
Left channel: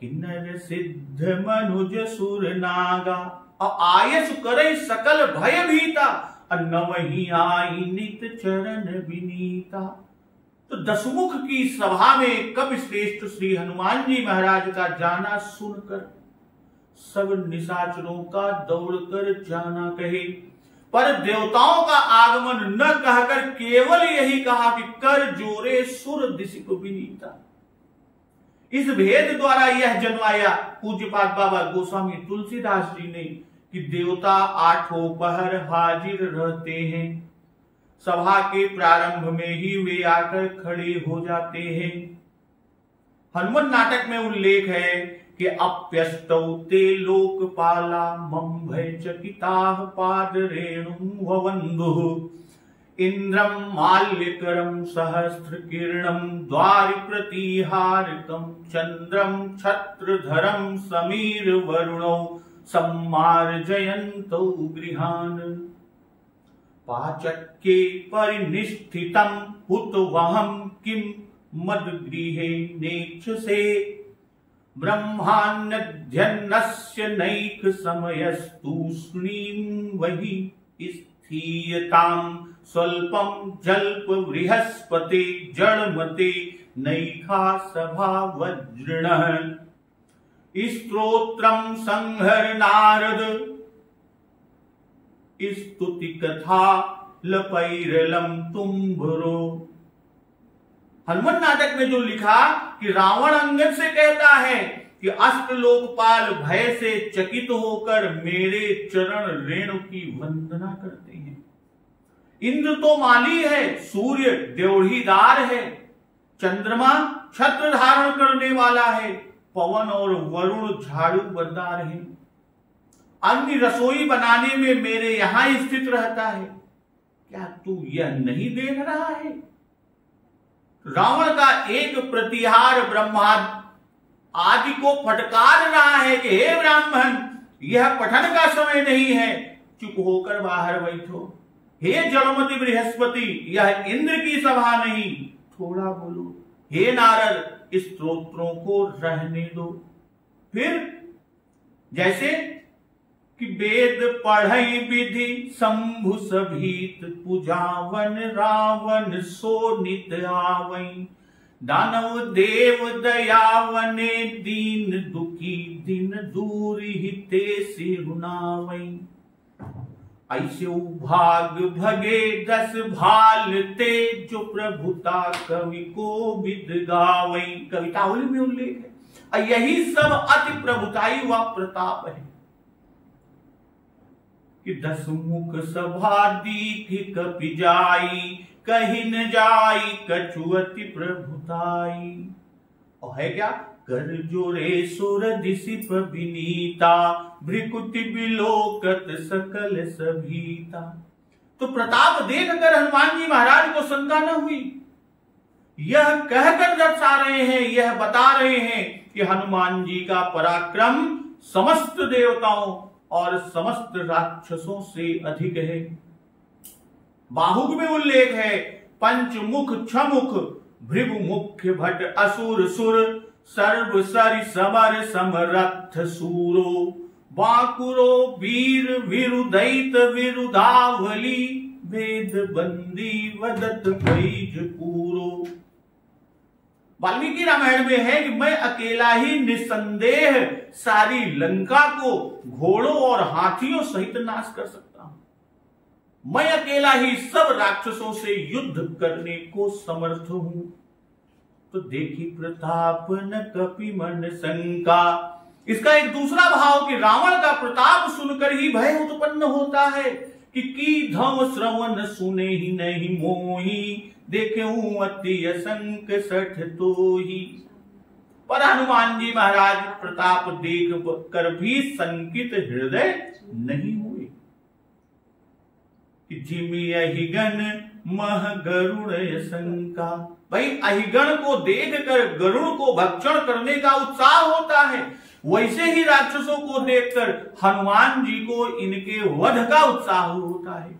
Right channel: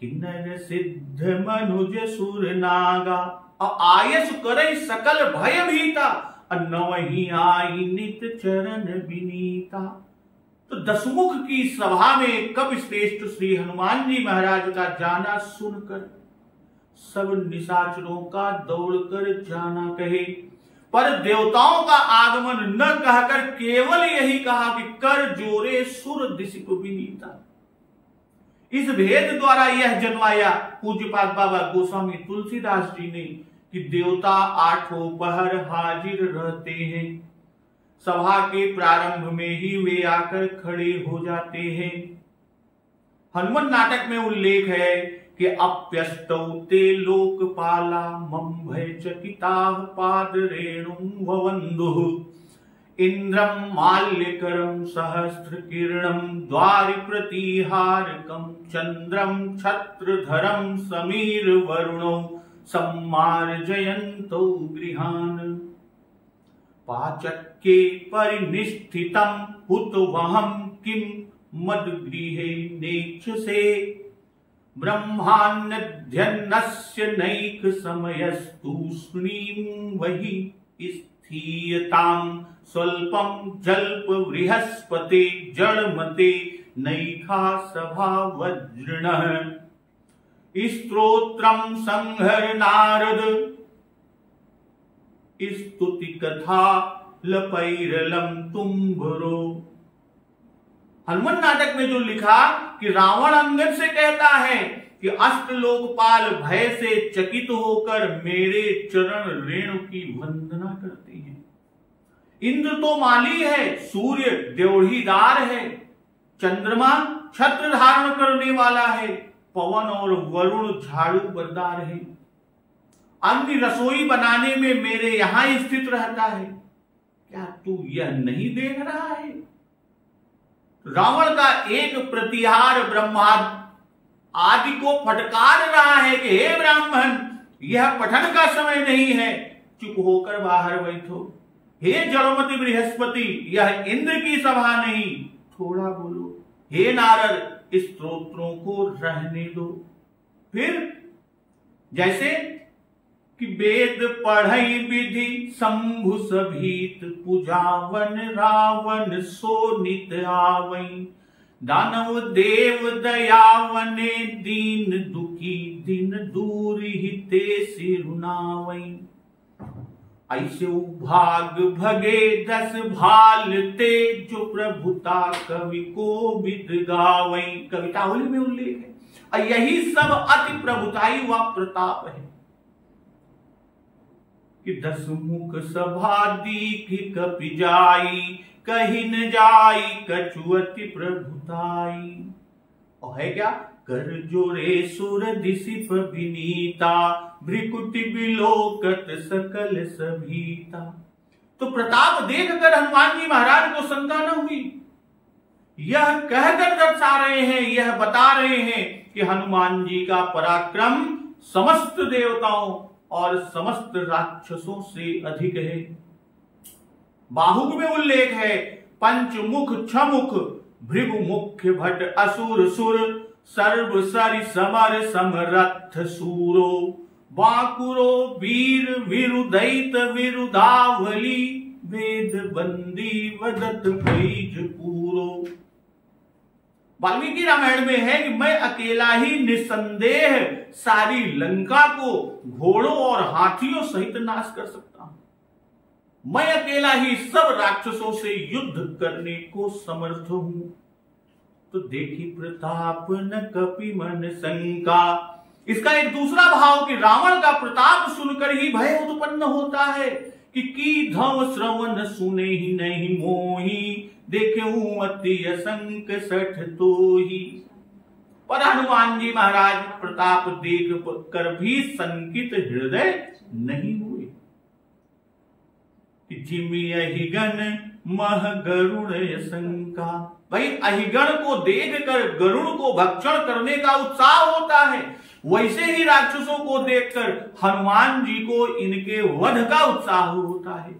किन्नर सिद्ध मनुज सुर नागा, और आयस करे सकल भय भीता। नवहि आई नित चरण विनीता। तो 10 मुख की सभा में कपिश्रेष्ठ श्री हनुमान जी महाराज का जाना सुनकर सब निशाचरों का दौड़कर जाना कहे, पर देवताओं का आगमन न कहकर केवल यही कहा कि कर जोरे सुर दिसिप विनीता। इस भेद द्वारा यह जन्माया पूज्यपाद बाबा गोस्वामी तुलसीदास जी ने कि देवता 8 पहर हाजिर रहते हैं। सभा के प्रारंभ में ही वे आकर खड़े हो जाते हैं। हनुमान नाटक में उल्लेख है कि अप्यष्टौ ते लोकपाला, मम भय चकिताः पाद रेणुं ववन्दुः। इंद्रम माल्यकरम सहस्त्र किरणम, द्वारि प्रतिहारकम चंद्रम छत्रधरम, समीर वरुणौ सम्मार्जयन्तौ गृहान्। पाचक्ये परिनिष्ठितं हुतवहं किं मद्गृहे नेक्षसे। ब्रह्मान्यध्यन्नस्य नैक समयस्तूष्णीं वहि स्थीयतां। स्वल्पं जल्प बृहस्पते जड़मते नैखा सभा वज्रिणः। स्तोत्रम संहर नारद, स्तुति कथा लपैरलम तुम्भरो। हनुमान नाटक में जो लिखा कि रावण अंगद से कहता है कि अष्टलोकपाल भय से चकित होकर मेरे चरण रेणु की वंदना करते हैं। इंद्र तो माली है, सूर्य ड्योढ़ीदार है, चंद्रमा छत्र धारण करने वाला है, पवन और वरुण झाड़ू बरदार है, अग्नि रसोई बनाने में मेरे यहां स्थित रहता है। क्या तू यह नहीं देख रहा है? रावण का एक प्रतिहार ब्रह्मा आदि को फटकार रहा है कि हे ब्राह्मण, यह पठन का समय नहीं है, चुप होकर बाहर बैठो। हे जलमति बृहस्पति, यह इंद्र की सभा नहीं, थोड़ा बोलो। हे नारद, इस स्तोत्रों को रहने दो। फिर जैसे कि वेद पढ़ई विधि शंभु सभीत, पुजावन रावण सो नित आवई, दानव देव दयावने दीन दुखी, दिन दूर हिते सिरुनावई। ऐसे भाग भगे 10 भालते, जो प्रभुता कवि को विद गावई। कवितावली में उल्लेख है। और यही सब अति प्रभुताई व प्रताप है कि 10 मुख सभा दीख कपि जाई, कहीं न जाई कछुअति प्रभुताई। और है क्या? कर जोरे सुर दिसिप विनीता, भ्रिकुटि बिलोकत सकल सभीता। तो प्रताप देखकर हनुमान जी महाराज को शंका न हुई। यह कहकर दर्शा रहे हैं, यह बता रहे हैं कि हनुमान जी का पराक्रम समस्त देवताओं और समस्त राक्षसों से अधिक है। बाहुक में उल्लेख है, पंचमुख छमुख भृगु मुख्य भट असुर सुर, सर्व सरि समर समरथ सूरो, बाकुरो वीर विरुदैत विरुदावली, वेद बंदी वदत बैज पूरो। वाल्मीकि रामायण में है कि मैं अकेला ही निसंदेह सारी लंका को घोड़ों और हाथियों सहित नाश कर सकता हूं। मैं अकेला ही सब राक्षसों से युद्ध करने को समर्थ हूं। तो देखी प्रताप न कपि मन शंका। इसका एक दूसरा भाव कि रावण का प्रताप सुनकर ही भय उत्पन्न होता है कि धम श्रवण सुने ही नहीं मोही, देखे अति असंक सठ तो ही। पर हनुमान जी महाराज प्रताप देख कर भी संकित हृदय नहीं हुए कि जिमि अहिगण मह गरुण शंका। भाई अहिगण को देखकर गरुण को भक्षण करने का उत्साह होता है, वैसे ही राक्षसों को देखकर हनुमान जी को इनके वध का उत्साह होता है।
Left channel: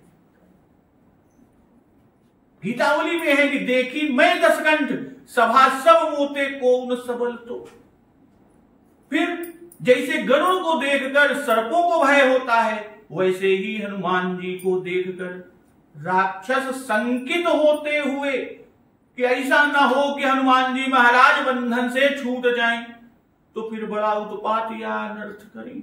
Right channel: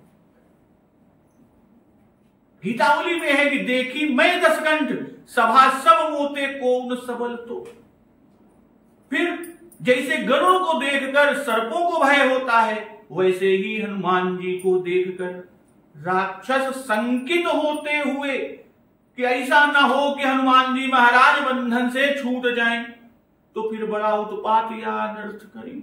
गीतावली में है कि देखी मैं 10 कंठ, सभा सब मोते को न सबल तो। फिर जैसे गरुड़ को देखकर सर्पों को भय होता है, वैसे ही हनुमान जी को देखकर राक्षस संकित होते हुए कि ऐसा न हो कि हनुमान जी महाराज बंधन से छूट जाएं, तो फिर बड़ा उत्पात या अनर्थ करें।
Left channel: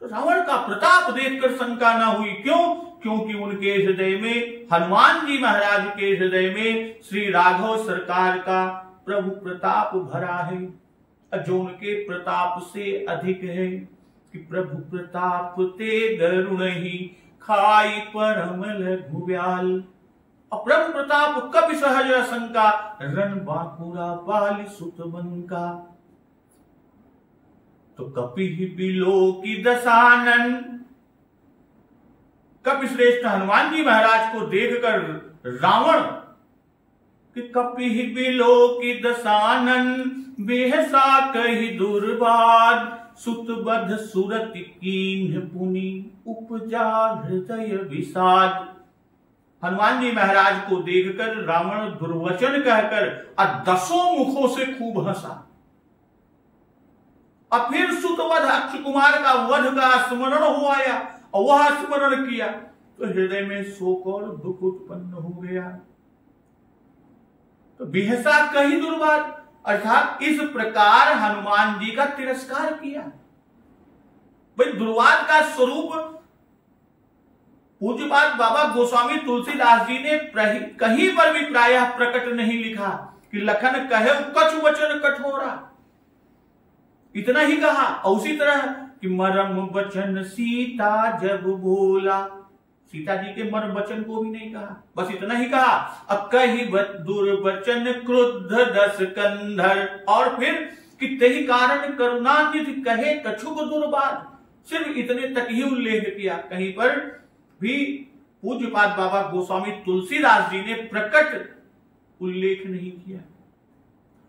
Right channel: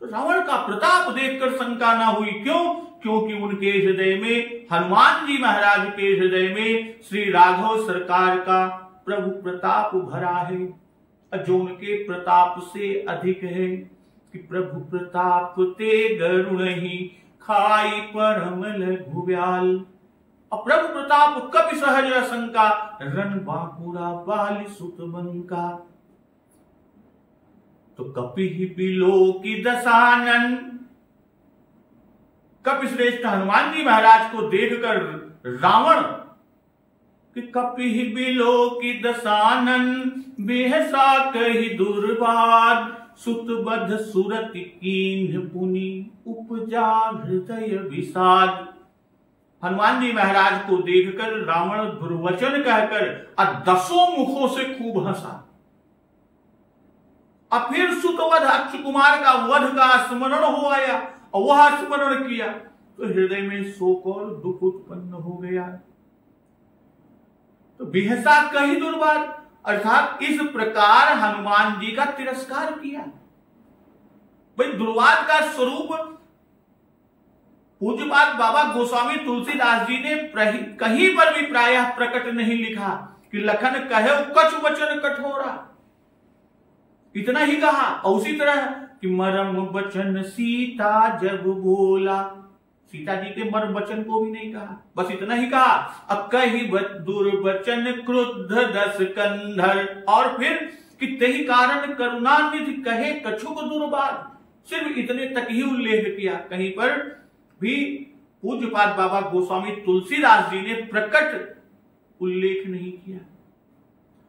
तो रावण का प्रताप देखकर शंका न हुई। क्यों? क्योंकि उनके हृदय में, हनुमान जी महाराज के हृदय में श्री राघव सरकार का प्रभु प्रताप भरा है, जो उनके प्रताप से अधिक है कि प्रभु प्रताप ते गरुण ही, खाई परम लघुव्याल। और प्रभु प्रताप कपि सहज शंका, रन बाकुरा बाली सुत बंका। तो कपि ही बिलो की दशानन। कपि श्रेष्ठ हनुमान जी महाराज को देखकर रावण कि कपि ही बिलो की दशानन, बेहसा कही दुर्बाद, सुत बध सुरति कीन्ह पुनि, उपजा हृदय विषाद। हनुमान जी महाराज को देखकर रावण दुर्वचन कहकर 10 मुखों से खूब हंसा। और फिर सुतवध अक्षय कुमार का वध का स्मरण हो आया और वह स्मरण किया तो हृदय में शोक और दुख उत्पन्न हो गया। तो बिहसा कही दुर्बाद, अर्थात इस प्रकार हनुमान जी का तिरस्कार किया। भाई दुर्वाद का स्वरूप पूज्यपाद बाबा गोस्वामी तुलसीदास जी ने कहीं पर भी प्रायः प्रकट नहीं लिखा कि लखन कहे कछु वचन कठोरा, इतना ही कहा। और उसी तरह कि मरम वचन सीता जब बोला, सीता जी के मर्म वचन को भी नहीं कहा, बस इतना ही कहा अब कही दुर्वचन क्रुद्ध दस कंधर, और फिर कि तेहि कारण करुणानिधि कहे कछुक दुर्बाद, सिर्फ इतने तक ही उल्लेख किया। कहीं पर भी पूज्यपाद बाबा गोस्वामी तुलसीदास जी ने प्रकट उल्लेख नहीं किया।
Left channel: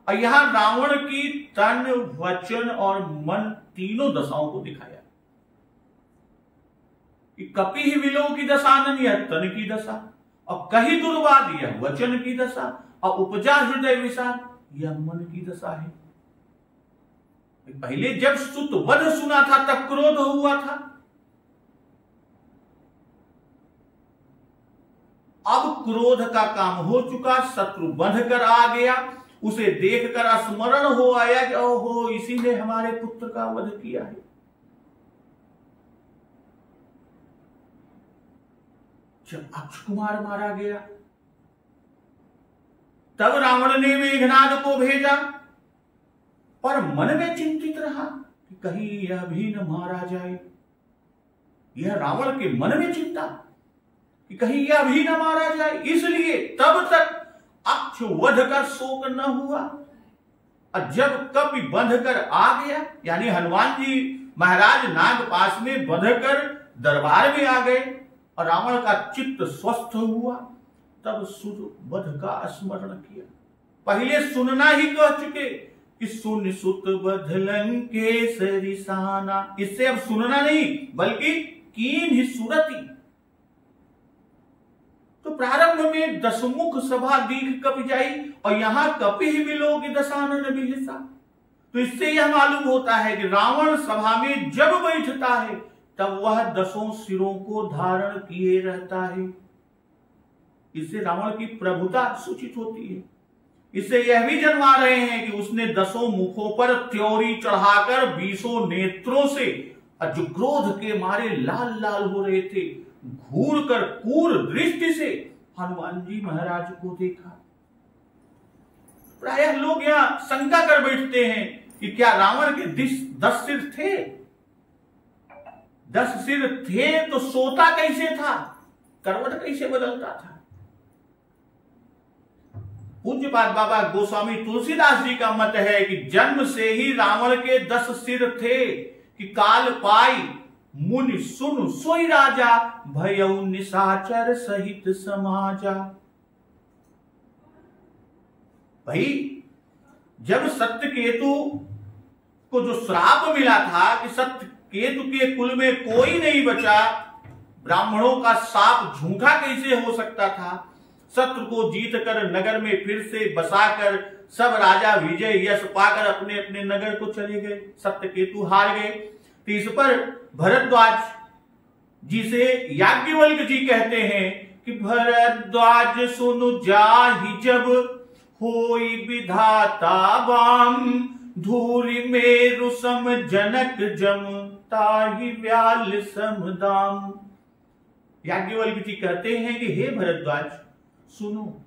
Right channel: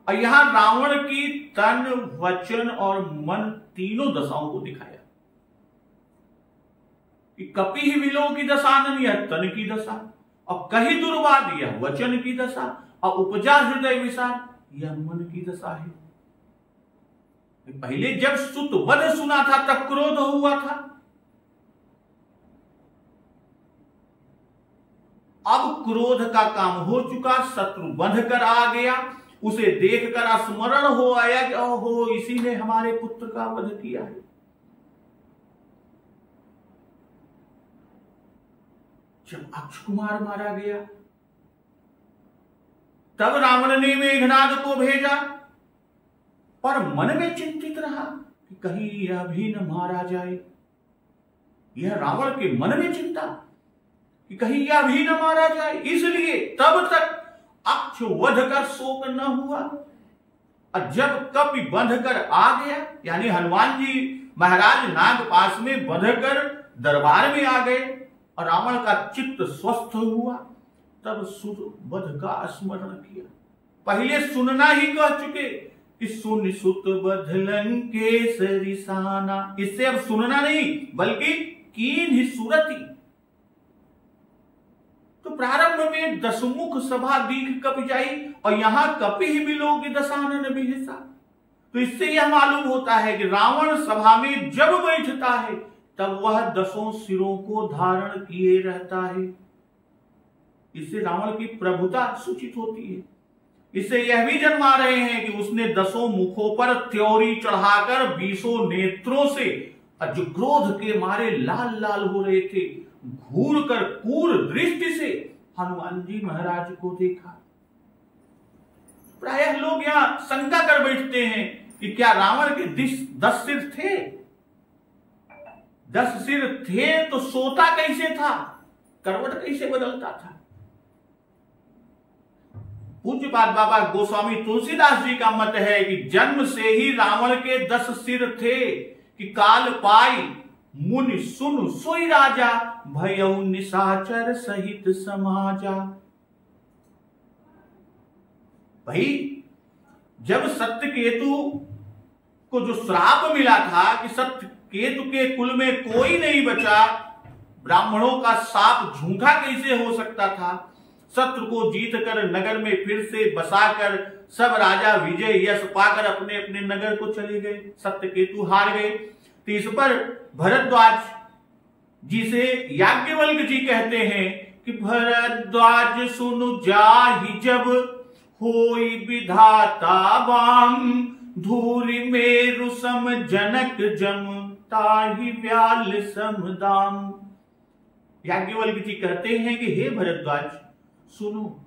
और यहां रावण की तन, वचन और मन तीनों दशाओं को दिखाया कि कपि ही विलोह की दशानन, यह तन की दशा, और कही दुर्वाद यह वचन की दशा, और उपजा हृदय विषाद यह मन की दशा है। पहले जब सुत वध सुना था तब क्रोध हुआ था, अब क्रोध का काम हो चुका, शत्रु बंध कर आ गया, उसे देखकर स्मरण हो आया कि ओहो इसी ने हमारे पुत्र का वध किया है। जब अक्ष कुमार मारा गया तब रावण ने मेघनाद को भेजा, पर मन में चिंतित रहा कि कहीं यह भी न मारा जाए। यह रावण के मन में चिंता कि कहीं यह भी न मारा जाए, इसलिए तब तक अक्ष वध का शोक न हुआ। और जब कपि बंध कर आ गया, यानी हनुमान जी महाराज नागपाश में बंध कर दरबार में आ गए और रावण का चित्त स्वस्थ हुआ, तब सुत वध का स्मरण किया। पहले सुनना ही कह चुके कि सुन सुत वध लंकेसरी साना, इससे अब सुनना नहीं बल्कि कीन ही सुरति। तो प्रारंभ में दशमुख सभा दीघ कपि जाई, और यहां कपि ही विलोह की दशानन बिहसा। तो इससे यह मालूम होता है कि रावण सभा में जब बैठता है तब वह 10 सिरों को धारण किए रहता है। इससे रावण की प्रभुता सूचित होती है। इससे यह भी जन्मा रहे हैं कि उसने 10 मुखों पर त्योरी चढ़ाकर 20 नेत्रों से, जो क्रोध के मारे लाल लाल हो रहे थे, घूर कर क्रूर दृष्टि से हनुमान जी महाराज को देखा। प्रायः लोग यहां शंका कर बैठते हैं कि क्या रावण के 10 सिर थे? 10 सिर थे तो सोता कैसे था, करवट कैसे बदलता था? पूज्यपाद बाबा गोस्वामी तुलसीदास जी का मत है कि जन्म से ही रावण के 10 सिर थे कि काल पाई मुनि सुन सोई राजा, भयउ निशाचर सहित समाजा। भाई जब सत्यकेतु को जो श्राप मिला था कि सत्यकेतु के कुल में कोई नहीं बचा, ब्राह्मणों का शाप झूठा कैसे हो सकता था? शत्रु को जीत कर नगर में फिर से बसाकर सब राजा विजय यश पाकर अपने अपने नगर को चले गए, सत्यकेतु हार गए। तो इस पर भरद्वाज जी से याज्ञवल्क्य जी कहते हैं कि भरद्वाज सुनु जाहि जब होई विधाता वाम, धूरि मेरु सम जनक जम ताहि व्याल सम दाम। याज्ञवल्क्य जी कहते हैं कि हे भरद्वाज सुनो,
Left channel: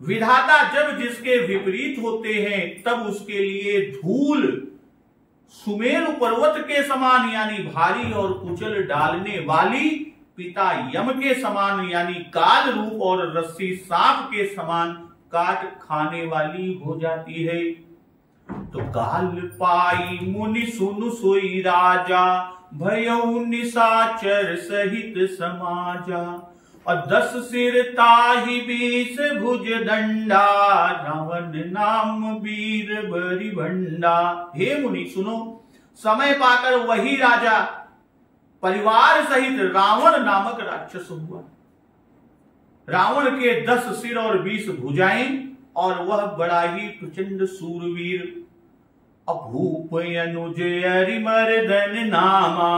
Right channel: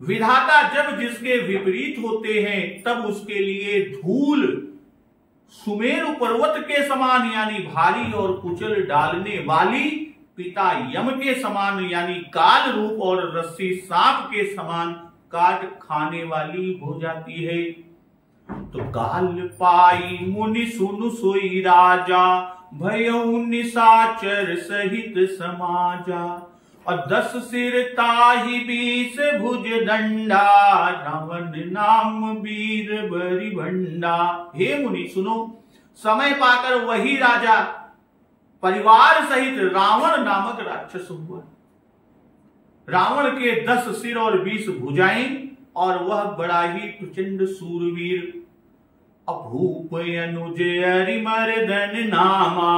विधाता जब जिसके विपरीत होते हैं तब उसके लिए धूल सुमेरु पर्वत के समान यानी भारी और कुचल डालने वाली, पिता यम के समान यानी काल रूप और रस्सी सांप के समान काट खाने वाली हो जाती है। तो काल पाई मुनि सुनु सोई राजा, भयउ निशाचर सहित समाजा। और 10 सिर ताहि 20 भुज दंडा, रावण नाम वीर बरी भंडा। हे मुनि सुनो, समय पाकर वही राजा परिवार सहित रावण नामक राक्षस हुआ। रावण के 10 सिर और 20 भुजाएं, और वह बड़ा ही प्रचंड सूरवीर। अभूप अनुज अरिमर्दन नामा,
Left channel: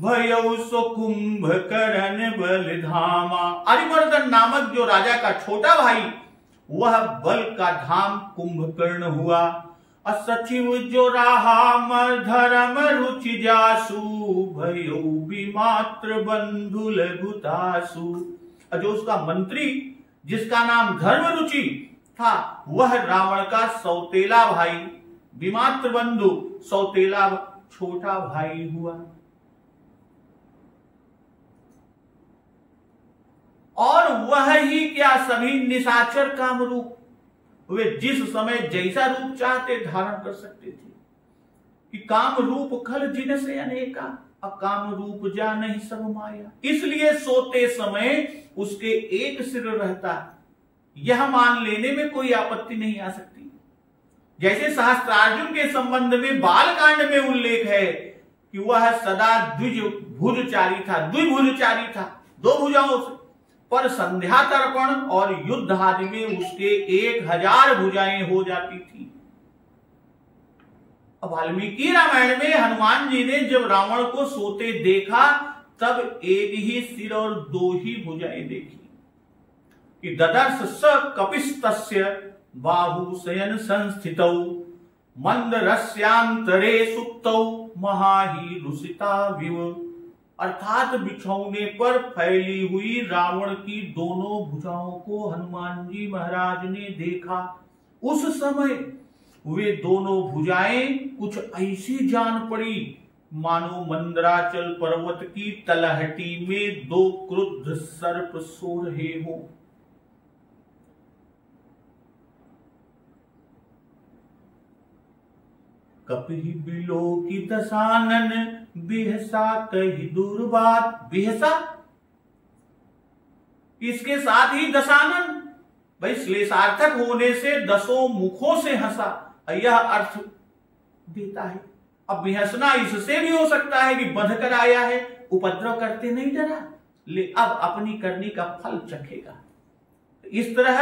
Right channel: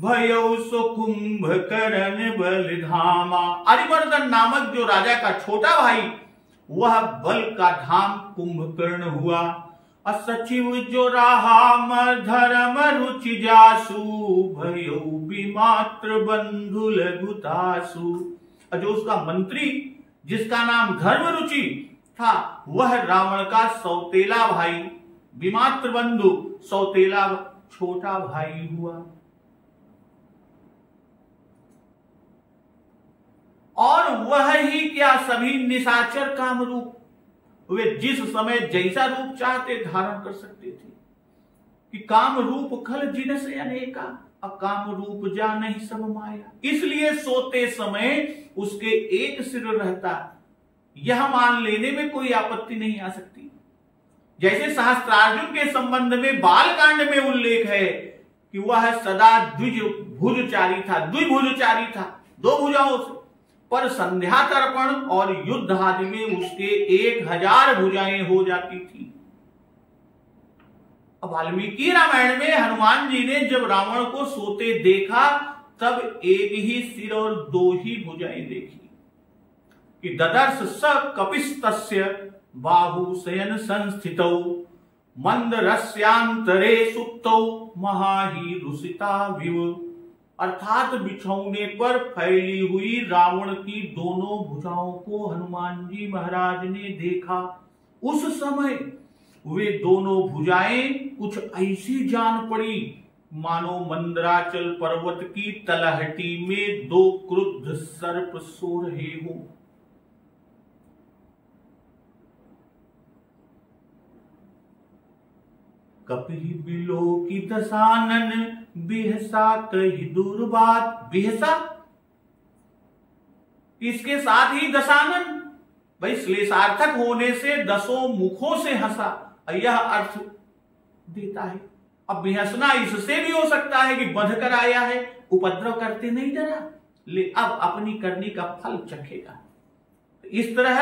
भयउ सो कुंभकर्ण बल धामा। अरिमर्दन नामक जो राजा का छोटा भाई, वह बल का धाम कुंभकर्ण हुआ। असचिव जो रहा धर्म रुचि जासु भयो विमात्र बंधु लघुतासु। जो उसका मंत्री जिसका नाम धर्म रुचि था वह रावण का सौतेला भाई, विमात्र बंधु सौतेला छोटा भाई हुआ। और वह ही क्या सभी निशाचर कामरूप, वे जिस समय जैसा रूप चाहते धारण कर सकते थे कि काम रूप खल जिनसे अनेका, अकाम रूप जा नहीं सब माया। इसलिए सोते समय उसके एक सिर रहता, यह मान लेने में कोई आपत्ति नहीं आ सकती। जैसे सहस्त्रार्जुन के संबंध में बालकांड में उल्लेख है कि वह सदा द्विभुजचारी था, द्विभुजचारी था, दो भुजाओं से, पर संध्या तर्पण और युद्ध आदि में उसके 1000 भुजाएं हो जाती थी। अब वाल्मीकि रामायण में हनुमान जी ने जब रावण को सोते देखा तब एक ही सिर और 2 ही भुजाएं देखी कि ददर्श स कपिस्तस्य बाहु शयन संस्थितौ मंद रस्यांतरे सुप्तौ महाही रुसिता विव। अर्थात बिछौने पर फैली हुई रावण की दोनों भुजाओं को हनुमान जी महाराज ने देखा। उस समय वे दोनों भुजाएं कुछ ऐसी जान पड़ी मानो मंदराचल पर्वत की तलहटी में 2 क्रुद्ध सर्प सो रहे हो। कपि बिलो की दशानन बिहसा कही दुर्बात। बिहसा इसके साथ ही दशानन, भाई श्लेषार्थक होने से 10 मुखों से हंसा, यह अर्थ देता है। अब बिहसना इससे भी हो सकता है कि बंध कर आया है, उपद्रव करते नहीं डरा, ले अब अपनी करनी का फल चखेगा। इस तरह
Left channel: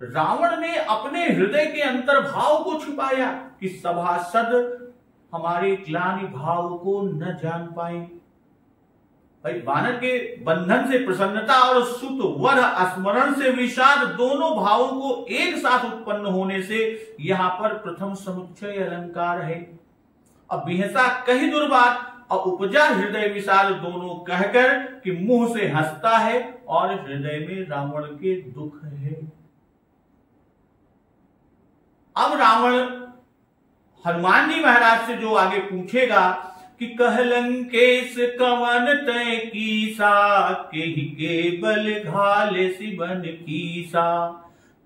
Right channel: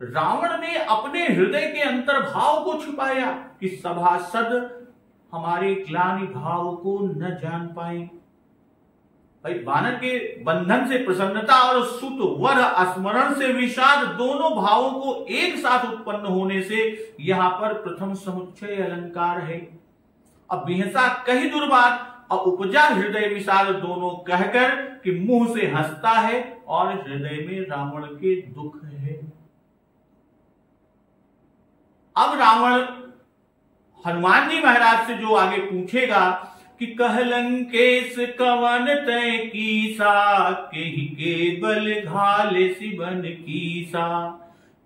रावण ने अपने हृदय के अंतर्भाव को छुपाया कि सभासद हमारे ग्लानि भाव को न जान पाए। भाई वानर के बंधन से प्रसन्नता और सुत वर स्मरण से विषाद दोनों भावों को एक साथ उत्पन्न होने से यहां पर प्रथम समुच्चय अलंकार है। अब बिहसा कही दुर्बात और उपजा हृदय विषाद दोनों कहकर कि मुंह से हंसता है और हृदय में रावण के दुख है। अब रावण हनुमान जी महाराज से जो आगे पूछेगा कि कहलंकेश कवन तय कीसा केहि केवल घाले सिबन कीसा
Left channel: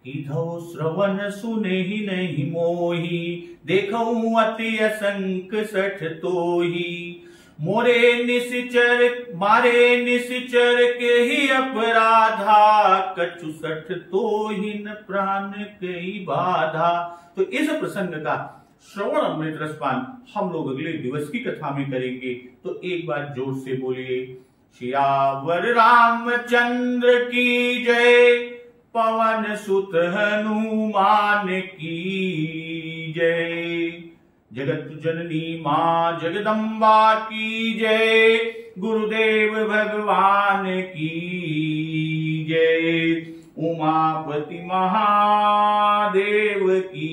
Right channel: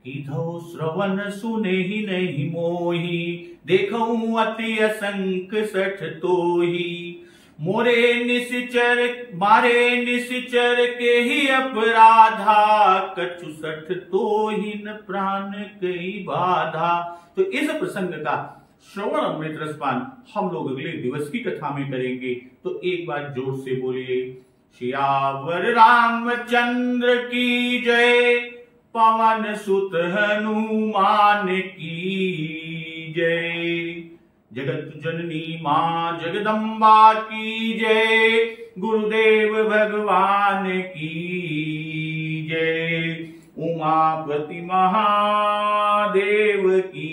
कीधो श्रवण सुने ही नहीं मोही देखऊं अति असंक सठ तोही मोरे निश्चर मारे निश्चर के ही अपराधा कछु सठ तोहिन प्राण कई बाधा। तो इस प्रसंग का श्रवण अमृत रसपान हम लोग अगले दिवस की कथा में करेंगे। तो एक बार जोर से बोलिए सियावर रामचंद्र की जय, पवन सुत हनुमान की जय, जगत जननी मां जगदम्बा की जय, गुरुदेव भगवान की जय, उमापति महादेव की